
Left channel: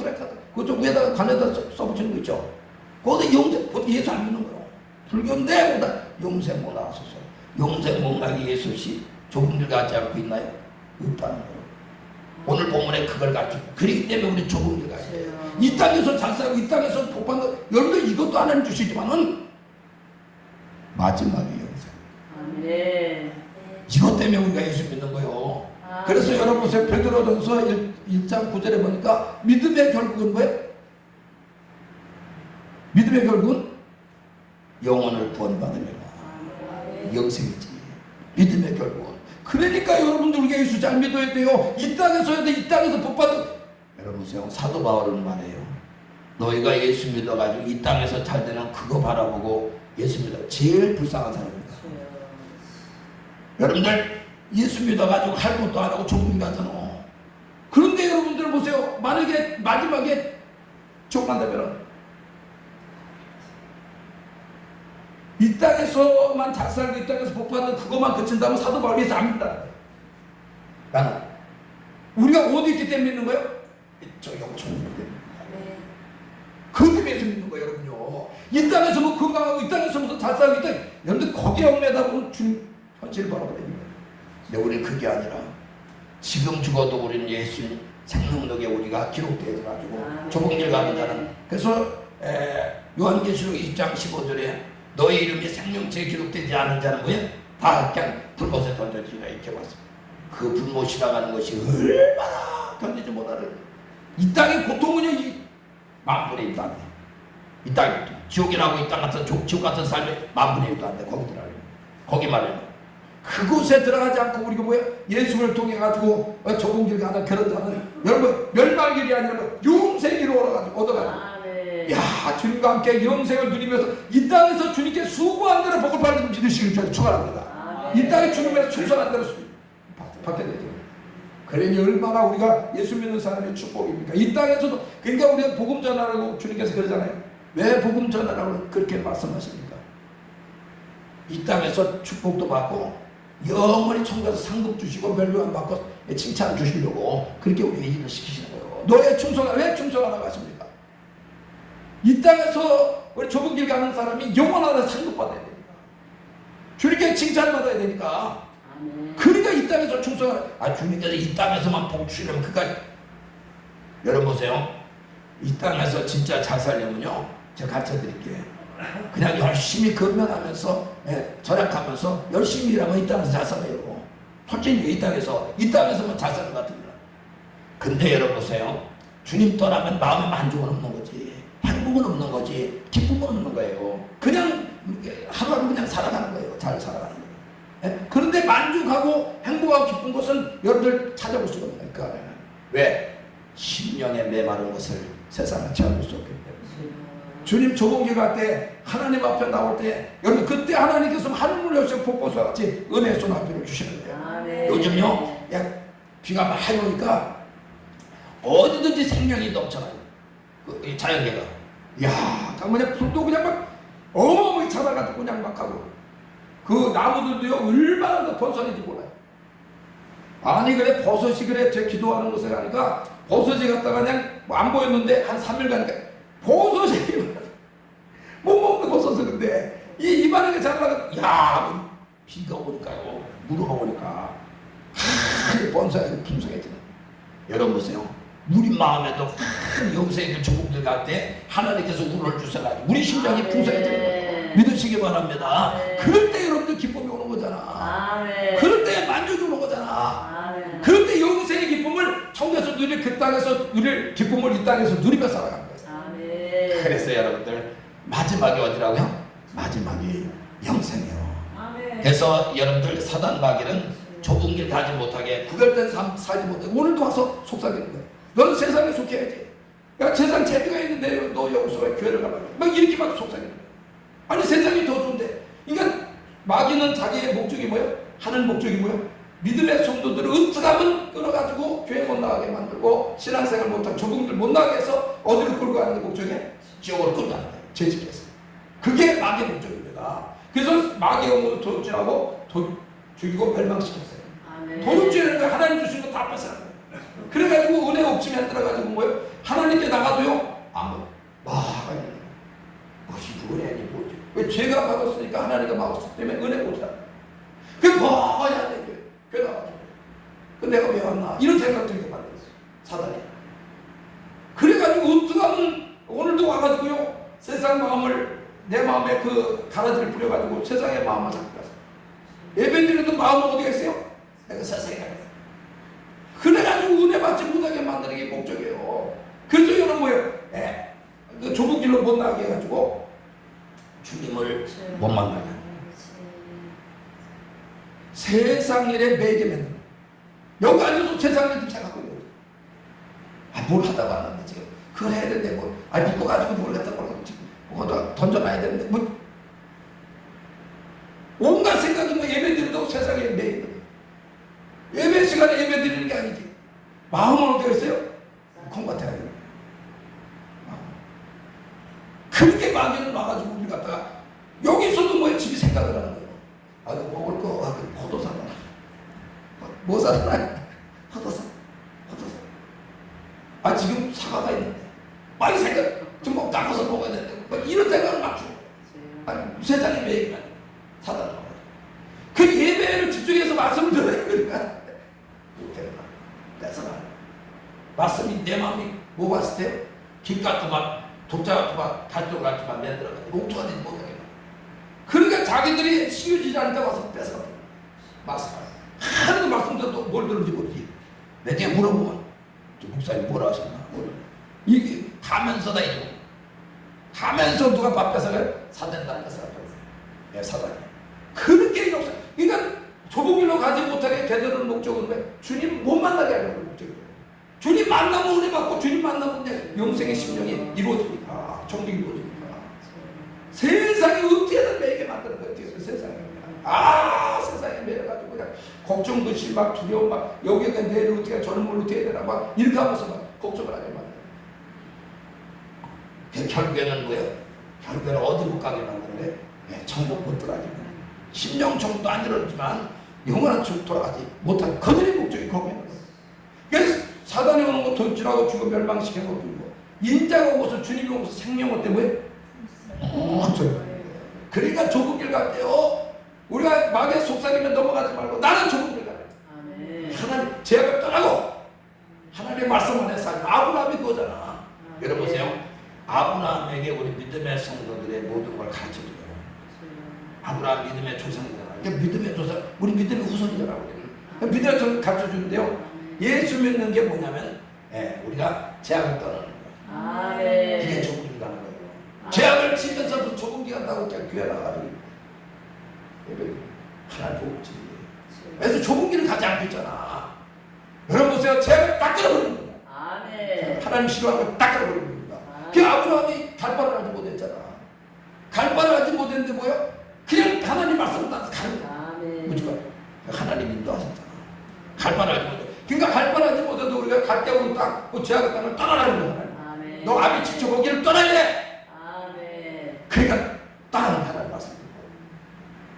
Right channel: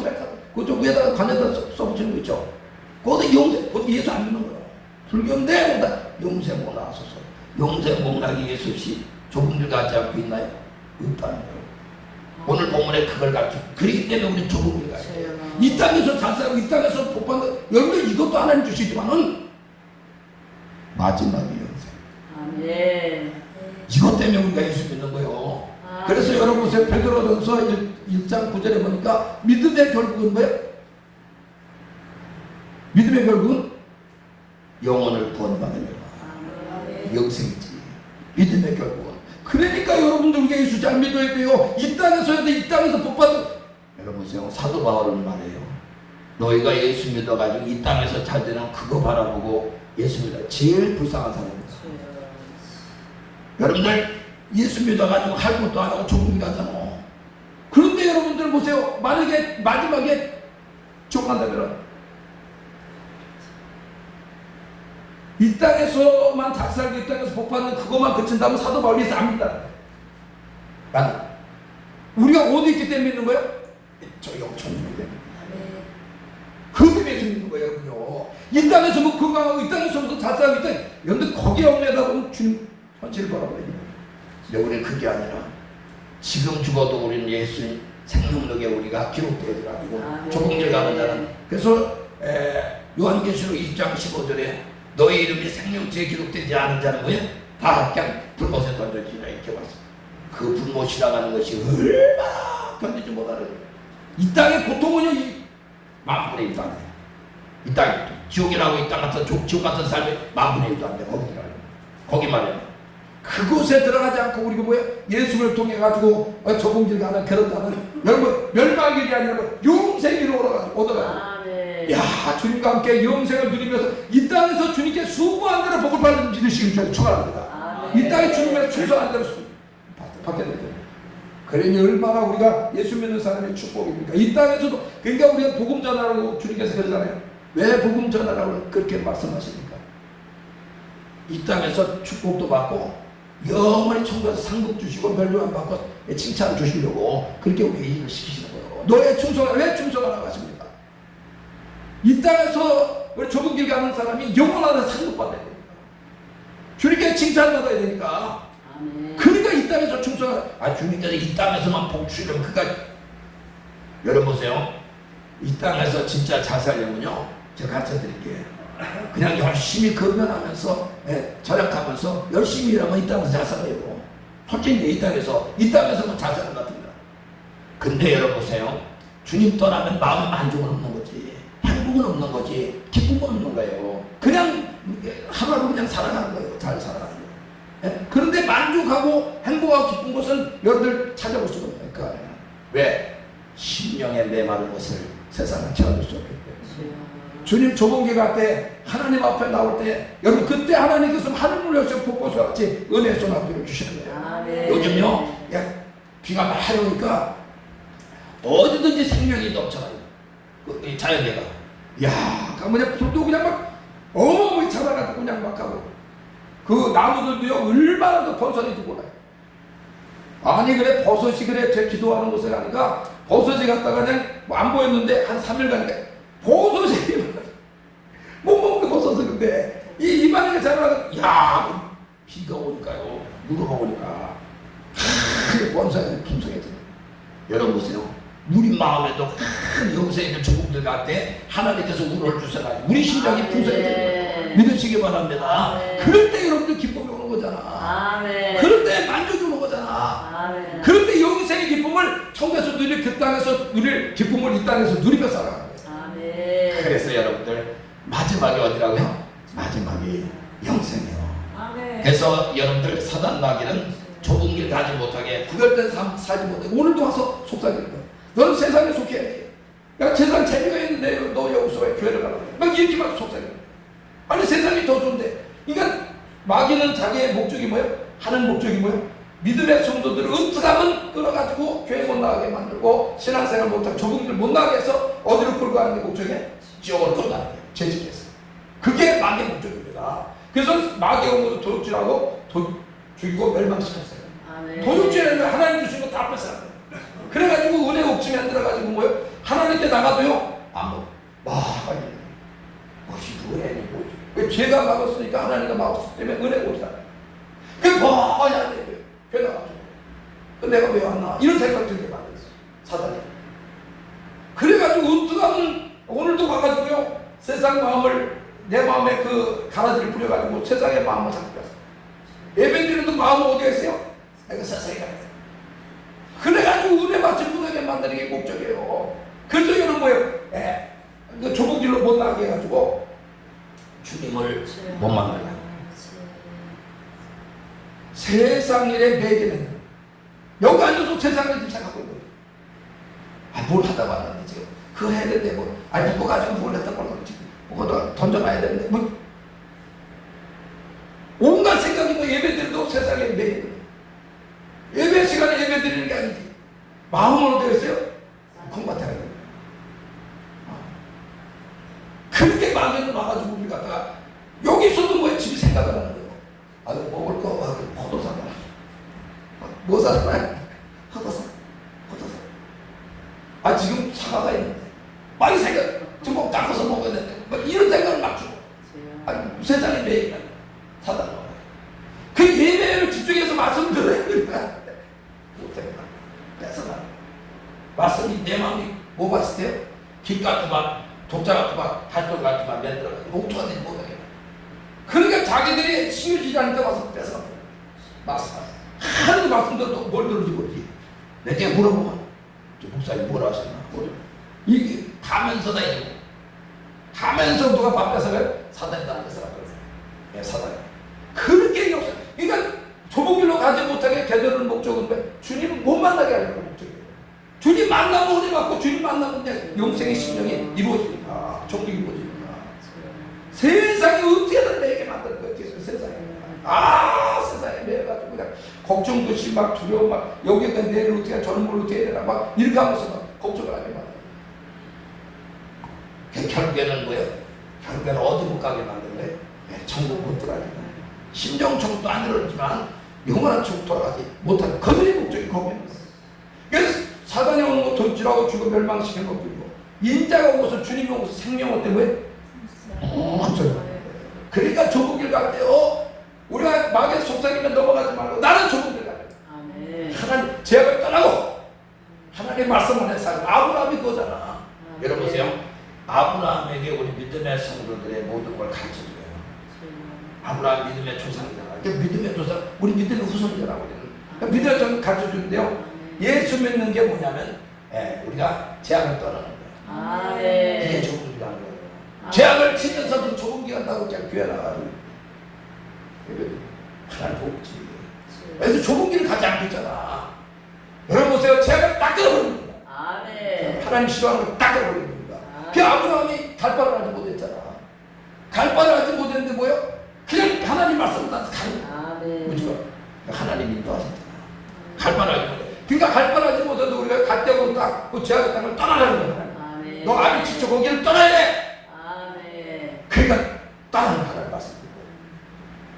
그쪽 위에다가 관에다 써붙이는 거 있죠. 거기다 영생, 예수 안 믿는 거야. 불교인데 거기다 영생복 나왔었어. 영생복 나기 예수 없이 좁은 길 가지 않고 있나요? 없다는 거예요. 오늘 본문에 그걸 가르쳐. 그렇기 때문에 우리 좁은 길 가야 돼요. 이 땅에서 잘 살고 이 땅에서 복받는 여러분 이것도 하나님 주시지만은 마지막이 영생. 아멘. 이것 때문에 우리가 예수 믿는 거예요. 그래서 여러분 보세요. 베드로전서 1장 9절에 보니까 믿음의 결국은 뭐예요? 믿음의 결국은 영혼을 구원받으려고 영생이지. 믿음의 결국은. 그러니까 여러분들 우리가 예수 잘 믿어야 돼요. 이 땅에서도 이 땅에서 복받은. 여러분 보세요. 사도 바울은 말해요. 너희가 예수 믿어가지고 이 땅에서 잘 되는 그거 바라보고 예수 믿어. 제일 불쌍한 사람입니다. 여러분들 예수 믿어가지고 할 것도 안 하고 좁은 길 가잖아. 그런데 여러분들 보세요. 만약에 마지막에 죽는다면 이 땅에서만 잘 살고 이 땅에서 복받는 그것만 그친다면 사도 바울에서 안 믿다. 나는 우리가 어디 있기 때문에 믿는 거예요? 저 영천이 때문에. 그 때문에 믿는 거예요. 여러분요. 이 땅에서 뭐 건강하고 이 땅에서 무슨 잘 살고 있다. 여러분들 거기에 얽매다 보면 주님 현실을 바라봐요. 근데 우리는 그게 아니라 지금 죽어도 우리는 예수 생명력에 우리가 기록되어 가지고 좁은 길 가는 자는. 그래서 요한계시록 2장 15절에 너희 이름이 생명체에 기록되지 않은 자는 뭐예요? 다 그냥 불못에 던져지라 이렇게 왔습니다. 그 불못이라고 하는 것이 얼마나 견디지 못하는 이 땅의 고통은요 이 만분의 1도 안 돼. 이 땅 지옥이라고 이 땅 같은 지옥 같은 삶이 만분의 1도 안 돼. 거기 말이야. 그곳에 들어가지 않고 우리가 뭐예요? 예수를 통해 가지고 좁은 길 가는 그런 자는 여러분 멸망길이 아니라 영생으로 얻어가지고 야 주님과 함께 영생을 누리면서 이 땅에서 주님께 수고한 대로 복을 받는 믿으시길 저는 축원합니다. 이 땅에 주님에서 충성한 대로 받게 되죠. 그러니 얼마나 우리가 예수 믿는 사람의 축복입니까? 이 땅에서도 그러니까 우리가 복음 전하라고 주님께서 그러잖아요. 왜 복음 전하라고 그렇게 말씀하십니까? 이 땅에서 축복도 받고 영원히 천국에서 상급 주시고 멸류관 받고 칭찬 주시려고 그렇게 우리에게 일을 시키시는 거예요. 너의 충성을 왜 충성하라고 하십니까? 이 땅에서 우리 좁은 길 가는 사람이 영원한 상급 받아야 됩니다. 주님께 칭찬 받아야 되니까. 그러니까 이 땅에서 충성하라. 주님께서 이 땅에서만 복 주시려면 그까지. 여러분 보세요. 이 땅에서 진짜 잘 살려면요 제가 가르쳐 드릴게요. 그냥 열심히 건면하면서 절약하면서 열심히 일하면 이 땅에서 잘 살아요. 솔직히 이 땅에서만 잘 사는 것 같습니다. 근데 여러분 보세요. 주님 떠나면 마음에 만족은 없는 거지, 행복은 없는 거지, 기쁨은 없는 거예요. 그냥 하루하루 그냥 살아가는 거예요. 잘 살아가는 거예요. 그런데 만족하고 행복하고 기쁜 것은 여러분들 찾아볼 수가 없는 거예요. 왜? 심령에 메마른 것을 세상은 채워줄 수 없기 때문에. 주님 좁은 길 갈 때 하나님 앞에 나올 때 여러분 그때 하나님께서 하늘을 여셔 폭포수 같이 은혜의 소나비를 주시는 거예요. 요즘요 비가 많이 오니까 어디든지 생명이 넘쳐나요. 이 자연계가. 야, 그냥 불도 그냥 막 어마어마하게 잡아가지고 그냥 막 하고. 그 나무들도요 얼마나 그 번성이 들고 와요. 아니 그래 버섯이 그래 제 기도하는 곳에 가니까 버섯이 갔다가 그냥 안 보였는데 한 3일 가니까 버섯이 못 먹는 버섯은 근데 이 입안에 자라가 야 비가 오니까요 물이 오니까 번성이 풍성해져요. 여러분 보세요. 우리 마음에도 여기서 있는 조국들 같아 하나님께서 우를 주셔가지고 우리 심장이 풍성해져요. 믿으시기 바랍니다. 그럴 때 여러분들 기쁨이 오는 거잖아. 그럴 때 만족이 오는 거잖아. 그럴 때 영생의 기쁨을 천국에서 누릴 그 땅에서 누릴 기쁨을 이 땅에서 누리며 살아가는 거예요. 그래서 여러분들 마지막이 어디라고요? 마지막이 영생이에요. 그래서 여러분들 사단 마귀는 좁은 길 가지 못하게 구별된 삶 살지 못해. 오늘도 와서 속삭입니다. 너는 세상에 속해야지. 그러니까 세상 재미가 있는데 너 여기서 왜 교회를 가라고 막 이렇게 막 속삭입니다. 아니 세상이 더 좋은데. 그러니까 마귀는 자기의 목적이 뭐예요? 하는 목적이 뭐예요? 믿음의 성도들을 으트가면 끌어가지고 교회 못 나가게 만들고 신앙생활 못하고 좁은 길 못 나가게 해서 어디로 끌고 가는 게 목적이에요? 지옥으로 끌고 가는 거예요. 죄짓겠어요. 그게 마귀의 목적입니다. 그래서 마귀가 모두 도둑질하고 죽이고 멸망시켰어요. 도둑질하는 하나님 주신 거 다 뺏어요. 그래가지고 은혜 옥침에 들어가지고 뭐예요? 하나님께 나가도요 아무 무엇이 은혜니 뭐지? 왜 죄가 막았으니까 하나님가 막았기 때문에 은혜 못 살아. 그게 뭐야 돼? 그래 나가죠. 그 내가 왜 왔나? 이런 생각 들게 만들었어 사단이. 그래가지고 어떡하면 오늘도 와가지고요 세상 마음을 내 마음에 그 가라지를 뿌려가지고 세상의 마음을 잡고 갔어. 예배드리는 마음은 어디가 있어요? 내가 세상에 가 있어. 그래가지고 은혜 받지 못하게 만드는 게 목적이에요. 그래서 여러분 뭐예요? 그 좁은 길로 못 나가게 해가지고 주님을 못 만나게 하는 세상 일에 매개는 여기 앉아서 세상을 집착하고 있는 거예요. 뭘 하다 왔는데 지금 그거 해야 되는데 묶어가지고 뭘 했다 그러고 지금 그거 던져놔야 되는데 뭐 온갖 생각이 뭐 예배드려도 세상에 매개는 예배 시간에 예배 드리는 게 아니지. 마음은 어디가 있어요? 콩밭에 가요. 그렇게 마음에는 와가지고 우리 갔다가 여기서도 뭐에 집이 생각을 하는 거예요. 먹을 거 포도 사나? 뭐 사나? 헛어서. 지금 사과가 있는데 많이 생각 좀 닦아서 먹어야 되는데 이런 생각을 막 줘. 세상에 매일 사다. 그 예배를 집중해서 말씀을 들어야 되니까 뺏어가. 말씀이 내 마음이 뭐 봤을 때요? 김 같구만, 독자 같구만, 갈등 같구만 만들어가지고 롱투가 되지 못하게. 그러니까 자기들이 시유지라니까 와서 뺏어가. 말씀. 하나님 말씀도 뭘 들은지 모르지. 내게 물어보면 목사님 뭐라 하셨나? 이게 가면서다 이거. 가면서 누가 밥 뺏어가요? 사단이 다 뺏어가요. 사단이. 그렇게 역사. 그러니까 좁은 길로 가지 못하게 되도록 목적은 왜? 주님 못 만나게 하는 목적이에요. 주님 만나면 은혜 받고 주님 만나면 내 영생의 심령이 이루어지니까 종이 이루어지니까 세상이 어떻게든 매게 만드는 거예요. 세상에. 세상에 매여가지고 그냥 걱정, 근심, 막 두려움, 막 여기에 내일 어떻게 저는 뭘 어떻게 해야 되나 막 이렇게 하면서 막 걱정을 하게 만들어요. 그 결국에는 뭐예요? 결국에는 어디로 가게 만드는데 천국 못 들어가게. 심령 천국도 안 이루어지만 영원한 천국 돌아가지 못하는 그들의 목적이 거기입니다. 그래서 사단이 오는 거 도둑질하고 죽어 멸망시키는 것도 있고 인자가 오고서 주님이 오고서 생명을 때문에 그러니까 좁은 길 갈 때요 우리가 마귀의 속삭이면 넘어가지 말고 나는 좁은 길 가야 돼. 하나님 제약을 떠나고 하나님 말씀 안에 살고 아브라함이 그거잖아. 여러분 보세요. 아브라함에게 우리 믿음의 성도들의 모든 걸 가르쳐 줘요. 아브라함 믿음의 조상이잖아. 그러니까 믿음의 조상, 우리 믿음의 후손이잖아. 그러니까 믿음의 조상 가르쳐 주는데요. 예수 믿는 게 뭐냐면 우리가 제약을 떠나는 거예요. 이게 좁은 길 가는 거예요. 제약을 치면서도 좁은 길 간다고 그냥 교회 나가고 하나님 보고 있지. 그래서 좁은 길을 가지 않겠잖아. 여러분 보세요. 제약을 딱 끊어버리는 거야. 하나님 싫어하는 걸 딱 끊어버리는 겁니다. 그 아브라함이 갈바를 하지 못했잖아. 갈바를 하지 못했는데 뭐요? 그냥 하나님 말씀을 다 가는 거야. 하나님 인도하셨잖아. 갈바를 하지 못해. 그러니까 갈바를 하지 못해도 우리가 갈 때고 딱 그 죄악의 땅을 떠나라는 거야. 아멘. 너 아비 지쳐 거기를 떠나야 돼. 아멘. 그러니까 떠나는 하나님 말씀입니다.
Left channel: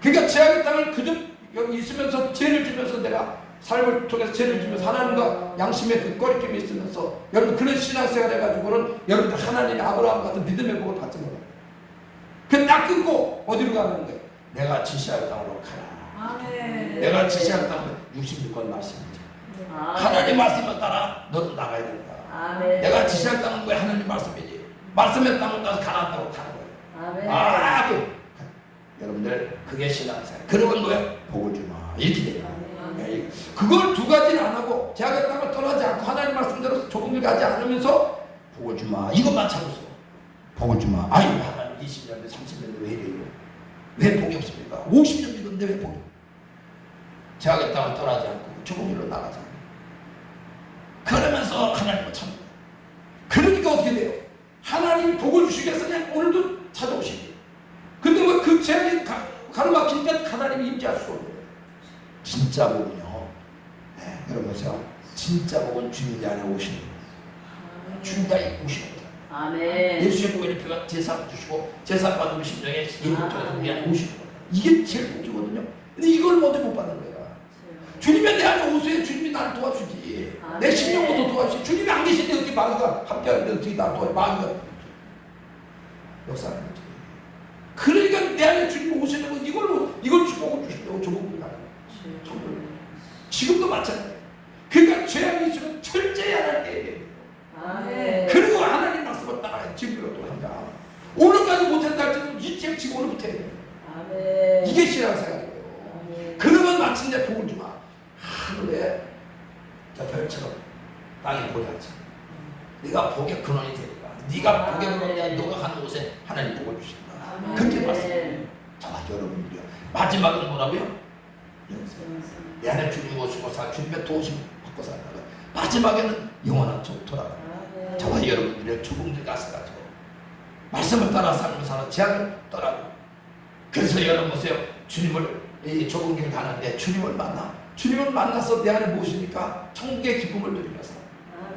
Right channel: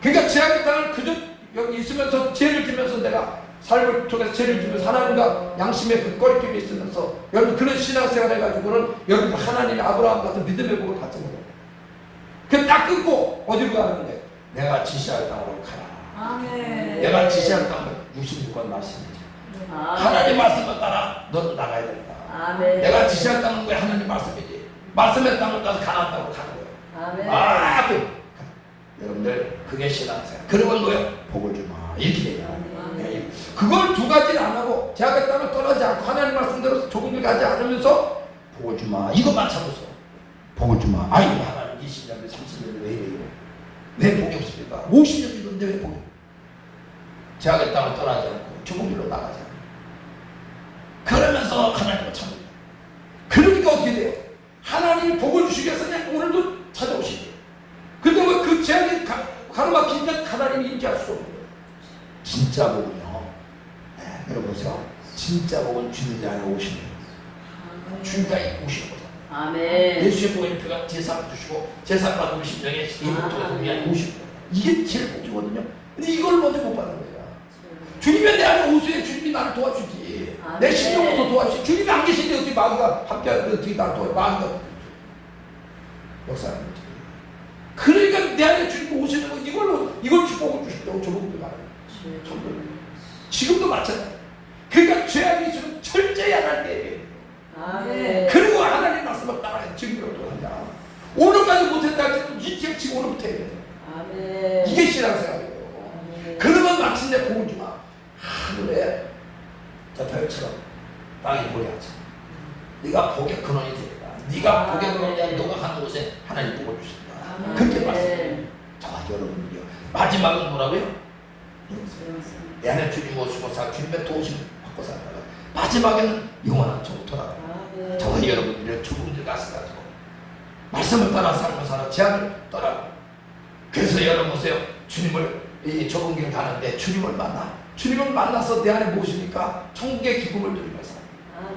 그러니까 죄악의 땅을 그저 여기 있으면서 죄를 지면서 내가 삶을 통해서 죄를 지면서 하나님과 양심의 그 꺼리낌이 있으면서 여러분 그런 신앙생활 해가지고는 여러분들 하나님의 아브라함 같은 믿음의 복을 받지 못해요. 그딱 끊고 어디로 가는 거예요? 내가 지시할 땅으로 가라. 아멘. 내가 지시할 땅은 66번 말씀이죠. 하나님 말씀을 따라 너도 나가야 된다. 아멘. 내가 지시할 땅은 왜 하나님 말씀이지? 말씀의 땅을 따서 가나안 땅으로 가는 거예요. 아멘. 여러분들 그게 신앙생활. 그러면 뭐야? 복을 주마. 이렇게 돼요. 아멘. 그걸 두 가지를 안 하고 죄악의 땅을 떠나지 않고 하나님 말씀대로 조금을 가지 않으면서 복을 주마. 이것만 참았어. 복을 주마. 아이 하나님 20년 대 30년 대 왜 이래요? 왜 복이 없습니까? 50년 믿었는데 왜 복이? 죄악의 땅을 떠나지 않고 좁은 길로 나가지 않고 그러면서 하나님을 참습니다. 그러니까 어떻게 돼요? 하나님이 복을 주시기 위해서 그냥 오늘도 찾아오시고 근데 왜 그 죄악이 가로막히니까 하나님이 임재할 수가 없는 거예요. 진짜 복은요. 네, 여러분 보세요. 진짜 복은 주님 안에 오시는 거예요. 주님과 오시는 거예요. 아멘. 예수의 복의 표가 제사를 주시고 제사 받은 심령에 이것도 우리 안에 오시는 거예요. 이게 제일 복이거든요. 근데 이걸 먼저 못 받는 거예요. 주님이 내 안에 오세요. 주님이 나를 도와주지. 내 심령부터 도와주지. 주님이 안 계신데 어떻게 마귀가 함께하는데 어떻게 나를 도와줘. 마귀가 역사하는 거지. 그러니까 내 안에 주님이 오시는 거 이걸 축복을 주신다고 조국들 가요. 지금도 마찬가지예요. 그러니까 죄악이 있으면 철저히 하나님께 얘기해요. 아멘. 그리고 하나님 말씀을 따라야 지금이라도 한다. 오늘까지 못했다 할때는 이제 지금 오늘부터 해야 돼. 아멘. 이게 신앙생활이에요. 아멘. 그러면 마침내 복을 주마. 하늘에 저 별처럼 땅에 복이 앉아. 네가 복의 근원이 되리라. 네가 복의 근원이야. 너가 가는 곳에 하나님 복을 주신다. 그렇게 말씀해요. 자 여러분들요. 마지막은 뭐라고요? 내 안에 주님 오시고 주님의 도우심 받고 살다가 마지막에는 영원한 천국 돌아가. 저와 여러분들이 조금들 가서가지고 말씀을 따라 살고 살아 죄악을 떠나고 그래서 여러분 보세요. 주님을 이 좁은 길 가는데 주님을 만나서 내 안에 모시니까 천국의 기쁨을 누리면서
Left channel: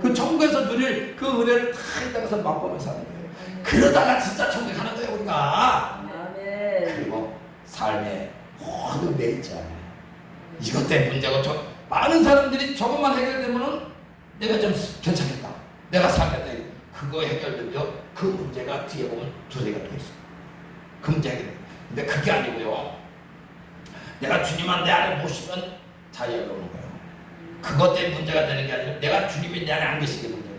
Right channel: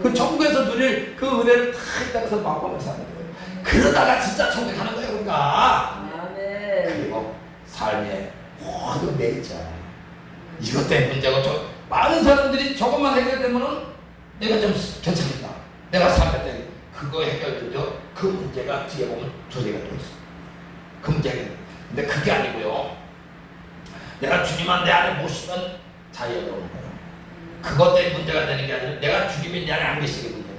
그 천국에서 누릴 그 은혜를 다 이따가서 맛보면서 하는 거예요. 그러다가 진짜 천국에 가는 거예요 우리가. 그리고 삶의 모든 매일자 이것 때문에 문제가 좀 많은 사람들이 저것만 해결되면은 내가 좀 괜찮겠다. 내가 살겠다. 그거 해결되죠. 그 문제가 뒤에 보면 조리가 돼 있어. 그 문제가. 근데 그게 아니고요. 내가 주님만 내 안에 모시면 자유가 오는 거예요. 그것 때문에 문제가 되는 게 아니라 내가 주님이 내 안에 안 계시게 문제예요.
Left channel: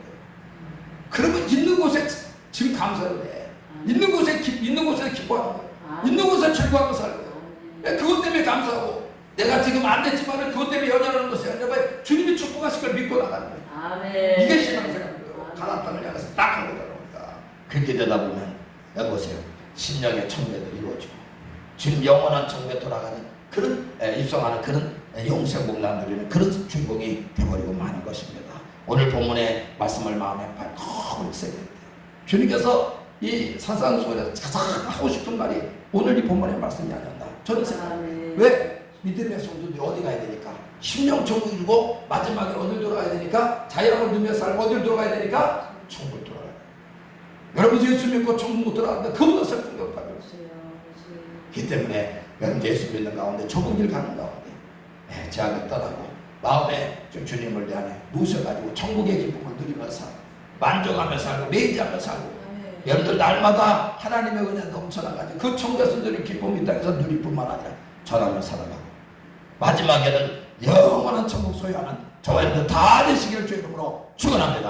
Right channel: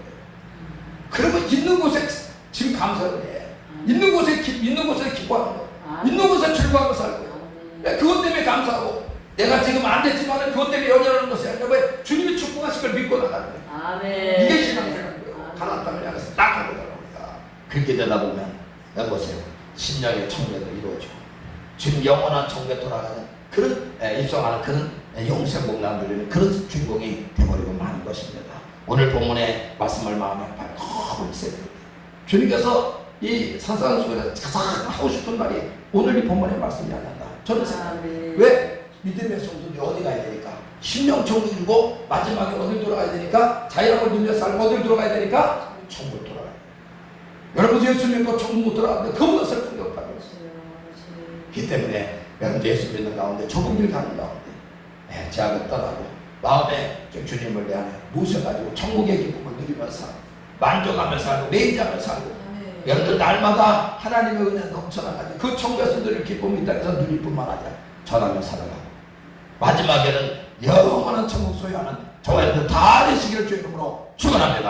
그러면 있는 곳에 지금 감사를 해. 있는 곳에 기뻐하는 거예요. 있는 곳에 즐거워하고 살고요. 그것 때문에 감사하고 내가 지금 안 됐지만 그것 때문에 연연하는 것이 아니라 왜 주님이 축복하실 걸 믿고 나가는 거예요. 아멘. 이게 신앙생활이에요. 가나안 땅을 향해서 딱 하고 나갑니다. 그렇게 되다 보면 여기 보세요. 심령의 청래도 이루어지고 지금 영원한 청래 돌아가는 그런 입성하는 그런 영생 복남 누리는 그런 주인공이 되어버리고 마는 것입니다. 오늘 본문의 말씀을 마음에 발톱 있어야 됩니다. 주님께서 이 산상수훈에서 가장 하고 싶은 말이 오늘 이 본문의 말씀이 아닌가 저는 생각합니다. 왜? 믿음의 성도들이 어디 가야 되니까 심령 천국이고 마지막에 어딜 돌아가야 되니까 자유함을 누리며 살고 어딜 돌아가야 되니까 천국을 돌아가야 돼요. 여러분 예수 믿고 천국 못 돌아가는데 그보다 슬픈 게 없다고요. 그렇기 때문에 여러분 예수 믿는 가운데 천국을 가는 가운데 죄악을 떠나고 마음에 주님을 내 안에 모셔가지고 천국의 기쁨을 누리면서 만족하며 살고 매일하며 살고 여러분들 날마다 하나님의 은혜 넘쳐나가지고 그 천국에서 누릴 기쁨이 있다해서 누릴 뿐만 아니라 전하며 살아가고 마지막에는 영원한 천국 소유하는 저와 여러분들 다 되시기를 주의 이름으로 축원합니다.